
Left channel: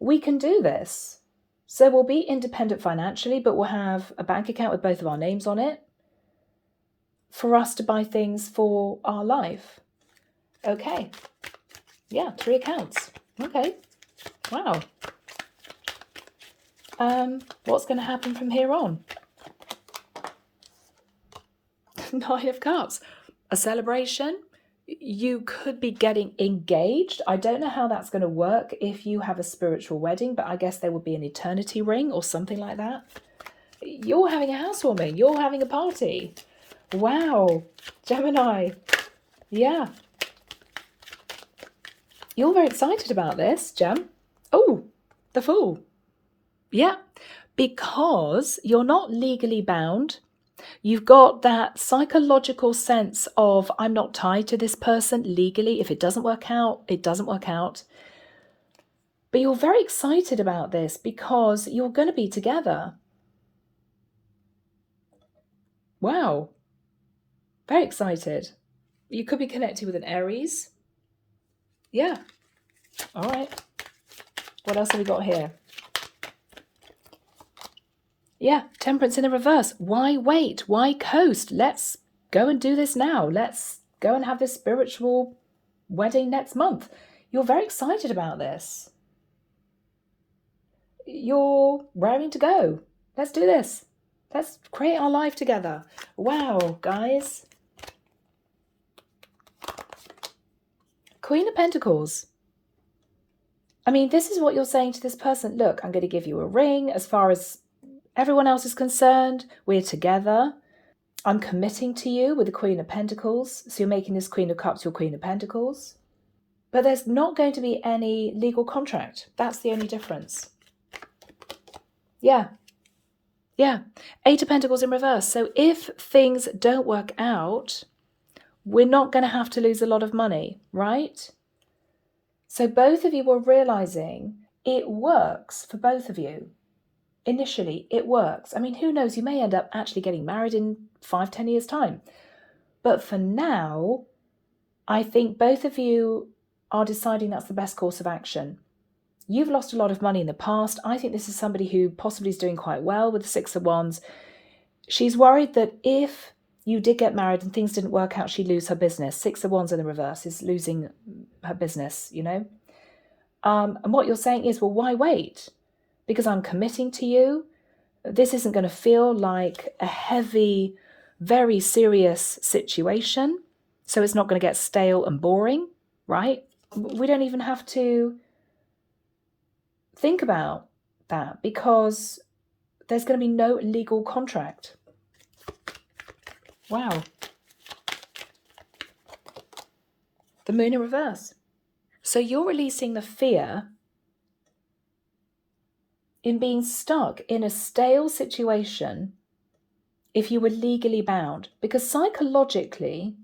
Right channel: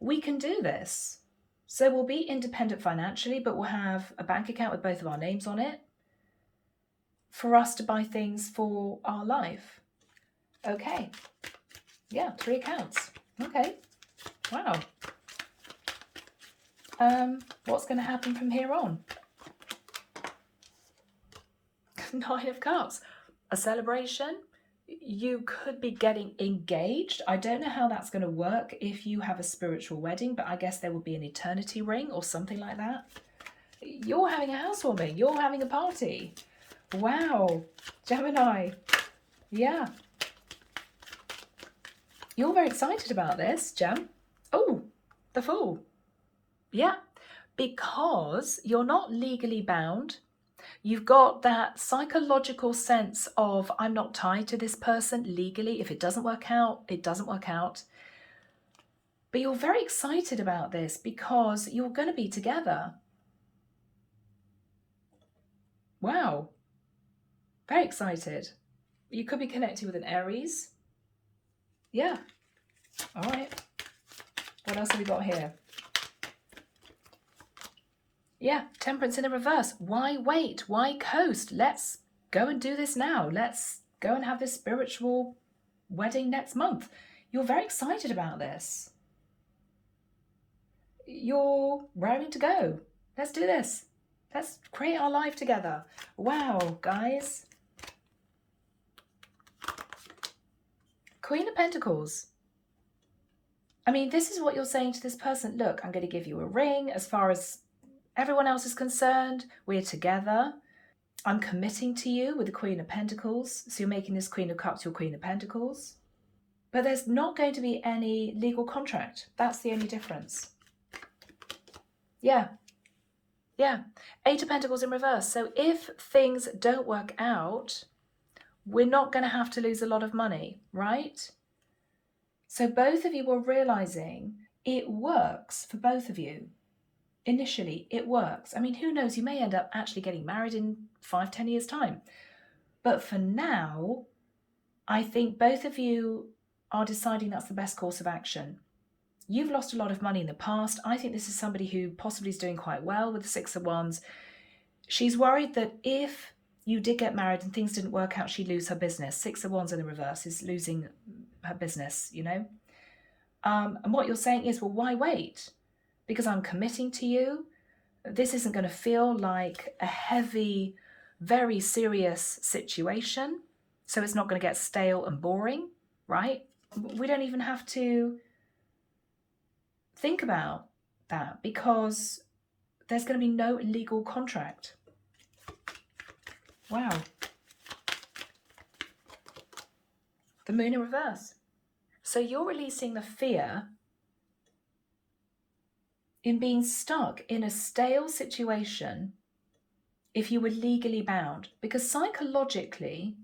We can do this. So we'll be independent financially, but we'll have a bank account with both of our names on it for us to buy things for our life. Okay. Yeah, 3 accounts. Okay. Wow. What's going to happen from here on? 9 of Cups. A celebration. You could be getting engaged. I don't know how that's going to work if you have a spiritual wedding, but I guess there would be an eternity ring or something like that. You're having a housewarming. You're having a party. Wow. Gemini. Yeah. You're very excited about this, Gem. Oh, the Fool. Yeah, because you're not legally bound. You've got that psychological sense of, I'm not tied to this person legally. If it doesn't work out, it doesn't work out. But you're very excited about this because you're going to be together. Wow. Very excited. You could be connected with an Aries. Yeah. All right. What else have we got here? Yeah, Temperance in the reverse. Why wait? Why coast? Let's go and do this now. Let's go and have this spiritual wedding next month. You're very excited about this. You're raring to go. Let's do this. Let's create our life together. Wow, guys. Queen of Pentacles. I mean, this is what you're saying to this person. Look, I'm going to give you a ring. As far as everyone else is concerned, we're together. I'm committing to you with the Queen of Pentacles. So you're making this Queen of Cups your Queen of Pentacles. But there's not going to be any legal contract. That's the only difference. Yeah. Yeah. 8 of Pentacles in reverse. So if things don't work out, we're not going to have to lose a lot of money, right? So both of you were realizing it works for both of you. Initially, it works. I mean, who knows? You may end up actually getting married in 5-10 years' time. But for now, I think both of you are deciding that's the best course of action. You've lost a lot of money in the past. I think this is somebody who possibly is doing quite well with the 6 of Wands. She's worried that if you did get married and things didn't work out, she'd lose her business. 6 of Wands in the reverse is losing her business, you know. And what you're saying is, well, why wait? Because I'm committing to you. This isn't going to feel like a heavy, very serious situation. So it's not going to get stale and boring, right? We don't even have to think about that because there's going to be no legal contract. Wow. The Moon in reverse. So you're releasing the fear in being stuck in a stale situation if you were legally bound. Because psychologically,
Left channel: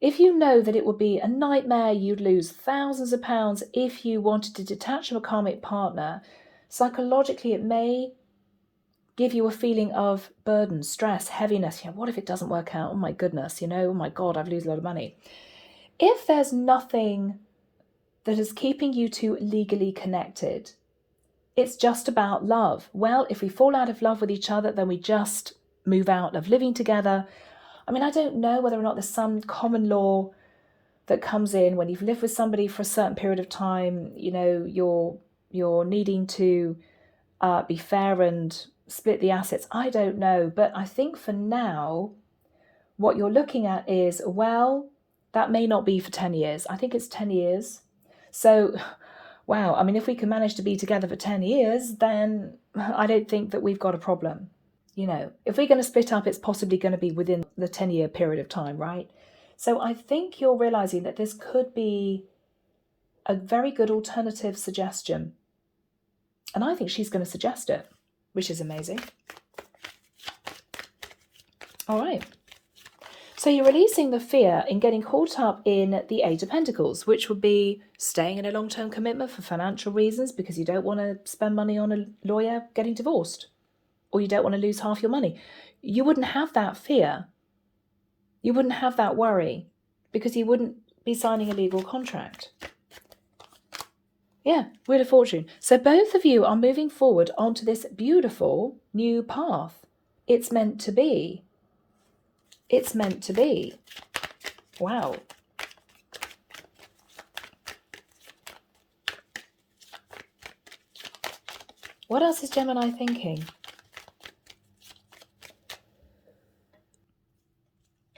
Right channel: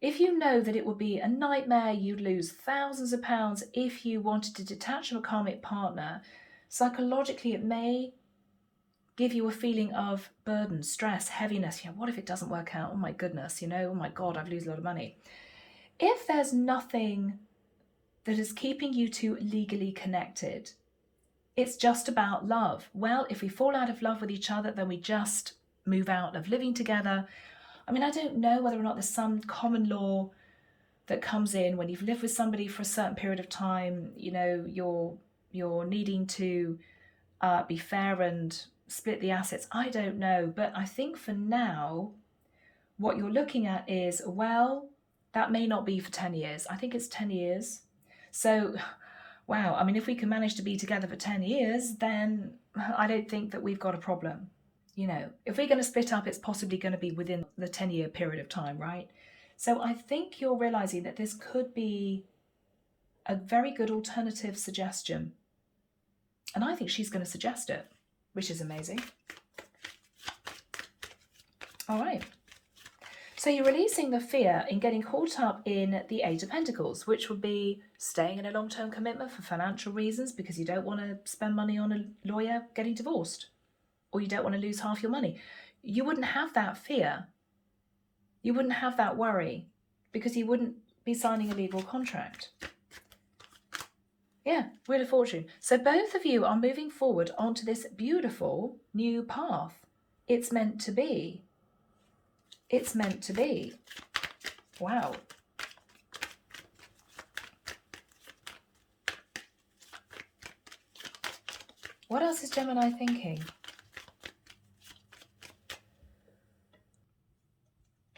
if you know that it would be a nightmare, you'd lose thousands of pounds if you wanted to detach from a karmic partner, psychologically it may give you a feeling of burden, stress, heaviness. What if it doesn't work out? Oh my goodness, oh my God, I've lost a lot of money. If there's nothing that is keeping you two legally connected, It's just about love. Well, if we fall out of love with each other, then we just move out of living together. I mean, I don't know whether or not there's some common law that comes in when you've lived with somebody for a certain period of time. You know, you're needing to be fair and split the assets. I don't know, but I think for now, what you're looking at is, well, that may not be for 10 years. I think it's 10 years. So, wow, I mean, if we can manage to be together for 10 years, then I don't think that we've got a problem. You know, if we're going to split up, it's possibly going to be within the 10-year period of time, right? So I think you're realizing that this could be a very good alternative suggestion. And I think she's going to suggest it, which is amazing. All right. So you're releasing the fear in getting caught up in the Eight of Pentacles, which would be staying in a long-term commitment for financial reasons because you don't want to spend money on a lawyer getting divorced, or you don't want to lose half your money. You wouldn't have that fear. You wouldn't have that worry because you wouldn't be signing a legal contract. Yeah, Wheel of Fortune. So both of you are moving forward onto this beautiful new path. It's meant to be. It's meant to be. Wow. What else is Gemini thinking?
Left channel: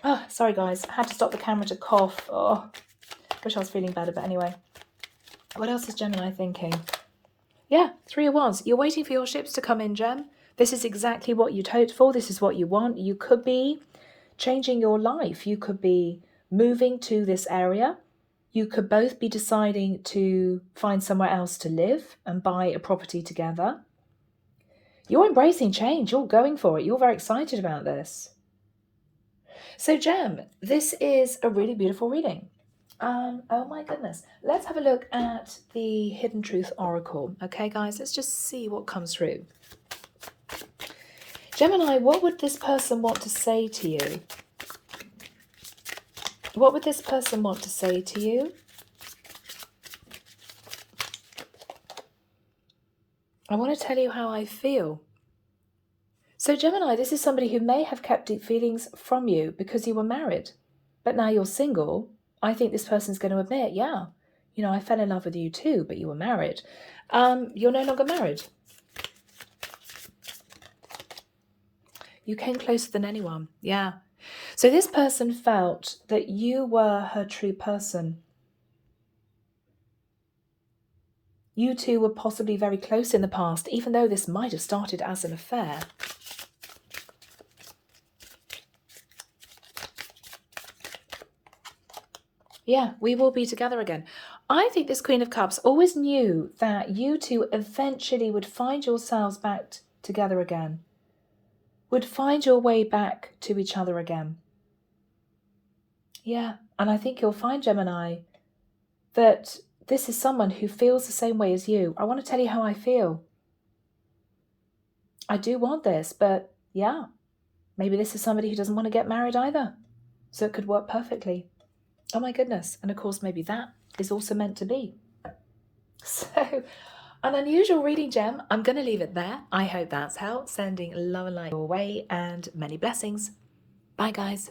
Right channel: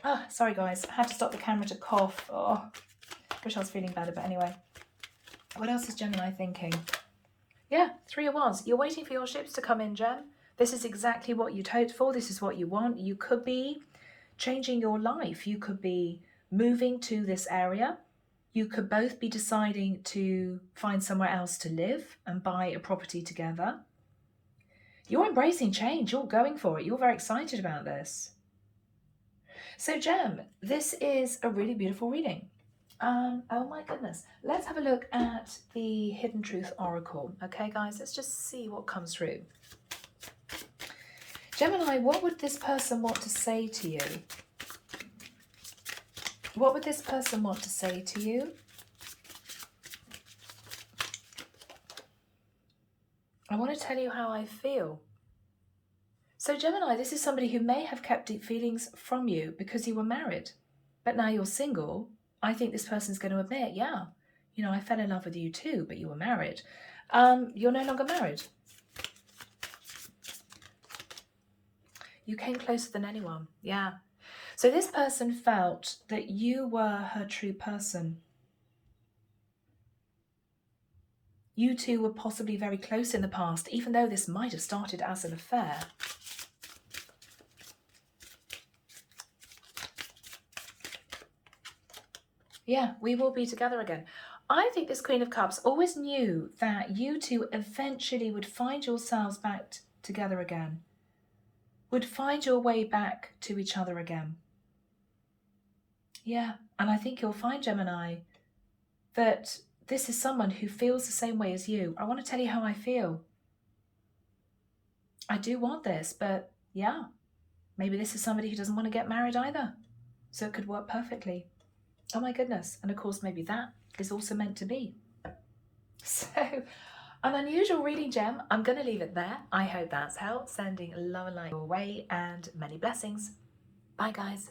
Oh, sorry guys, I had to stop the camera to cough. Oh, wish I was feeling better, but anyway. What else is Gemini thinking? Yeah, Three of Wands. You're waiting for your ships to come in, Gem. This is exactly what you'd hoped for. This is what you want. You could be changing your life. You could be moving to this area. You could both be deciding to find somewhere else to live and buy a property together. You're embracing change. You're going for it. You're very excited about this. So, Gem, this is a really beautiful reading. Oh my goodness. Let's have a look at the Hidden Truth Oracle. Okay, guys, let's just see what comes through. Gemini, what would this person want to say to you? What would this person want to say to you? I want to tell you how I feel. So Gemini, this is somebody who may have kept deep feelings from you because you were married, but now you're single. I think this person's going to admit, yeah, you know, I fell in love with you too, but you were married. You're no longer married. You came closer than anyone. Yeah. So this person felt that you were her true person. You two were possibly very close in the past, even though this might have started as an affair. Yeah, we will be together again. I think this Queen of Cups always knew that you two eventually would find yourselves back together again, would find your way back to each other again. Yeah, and I think you'll find, Gemini, that this is someone who feels the same way as you. I want to tell you how I feel. I do want this, but yeah, maybe this is somebody who doesn't want to get married either. So it could work perfectly. Oh my goodness. And of course, maybe that is also meant to be. So, an unusual reading, Gem. I'm going to leave it there. I hope that's helped. Sending love and light your way and many blessings. Bye, guys.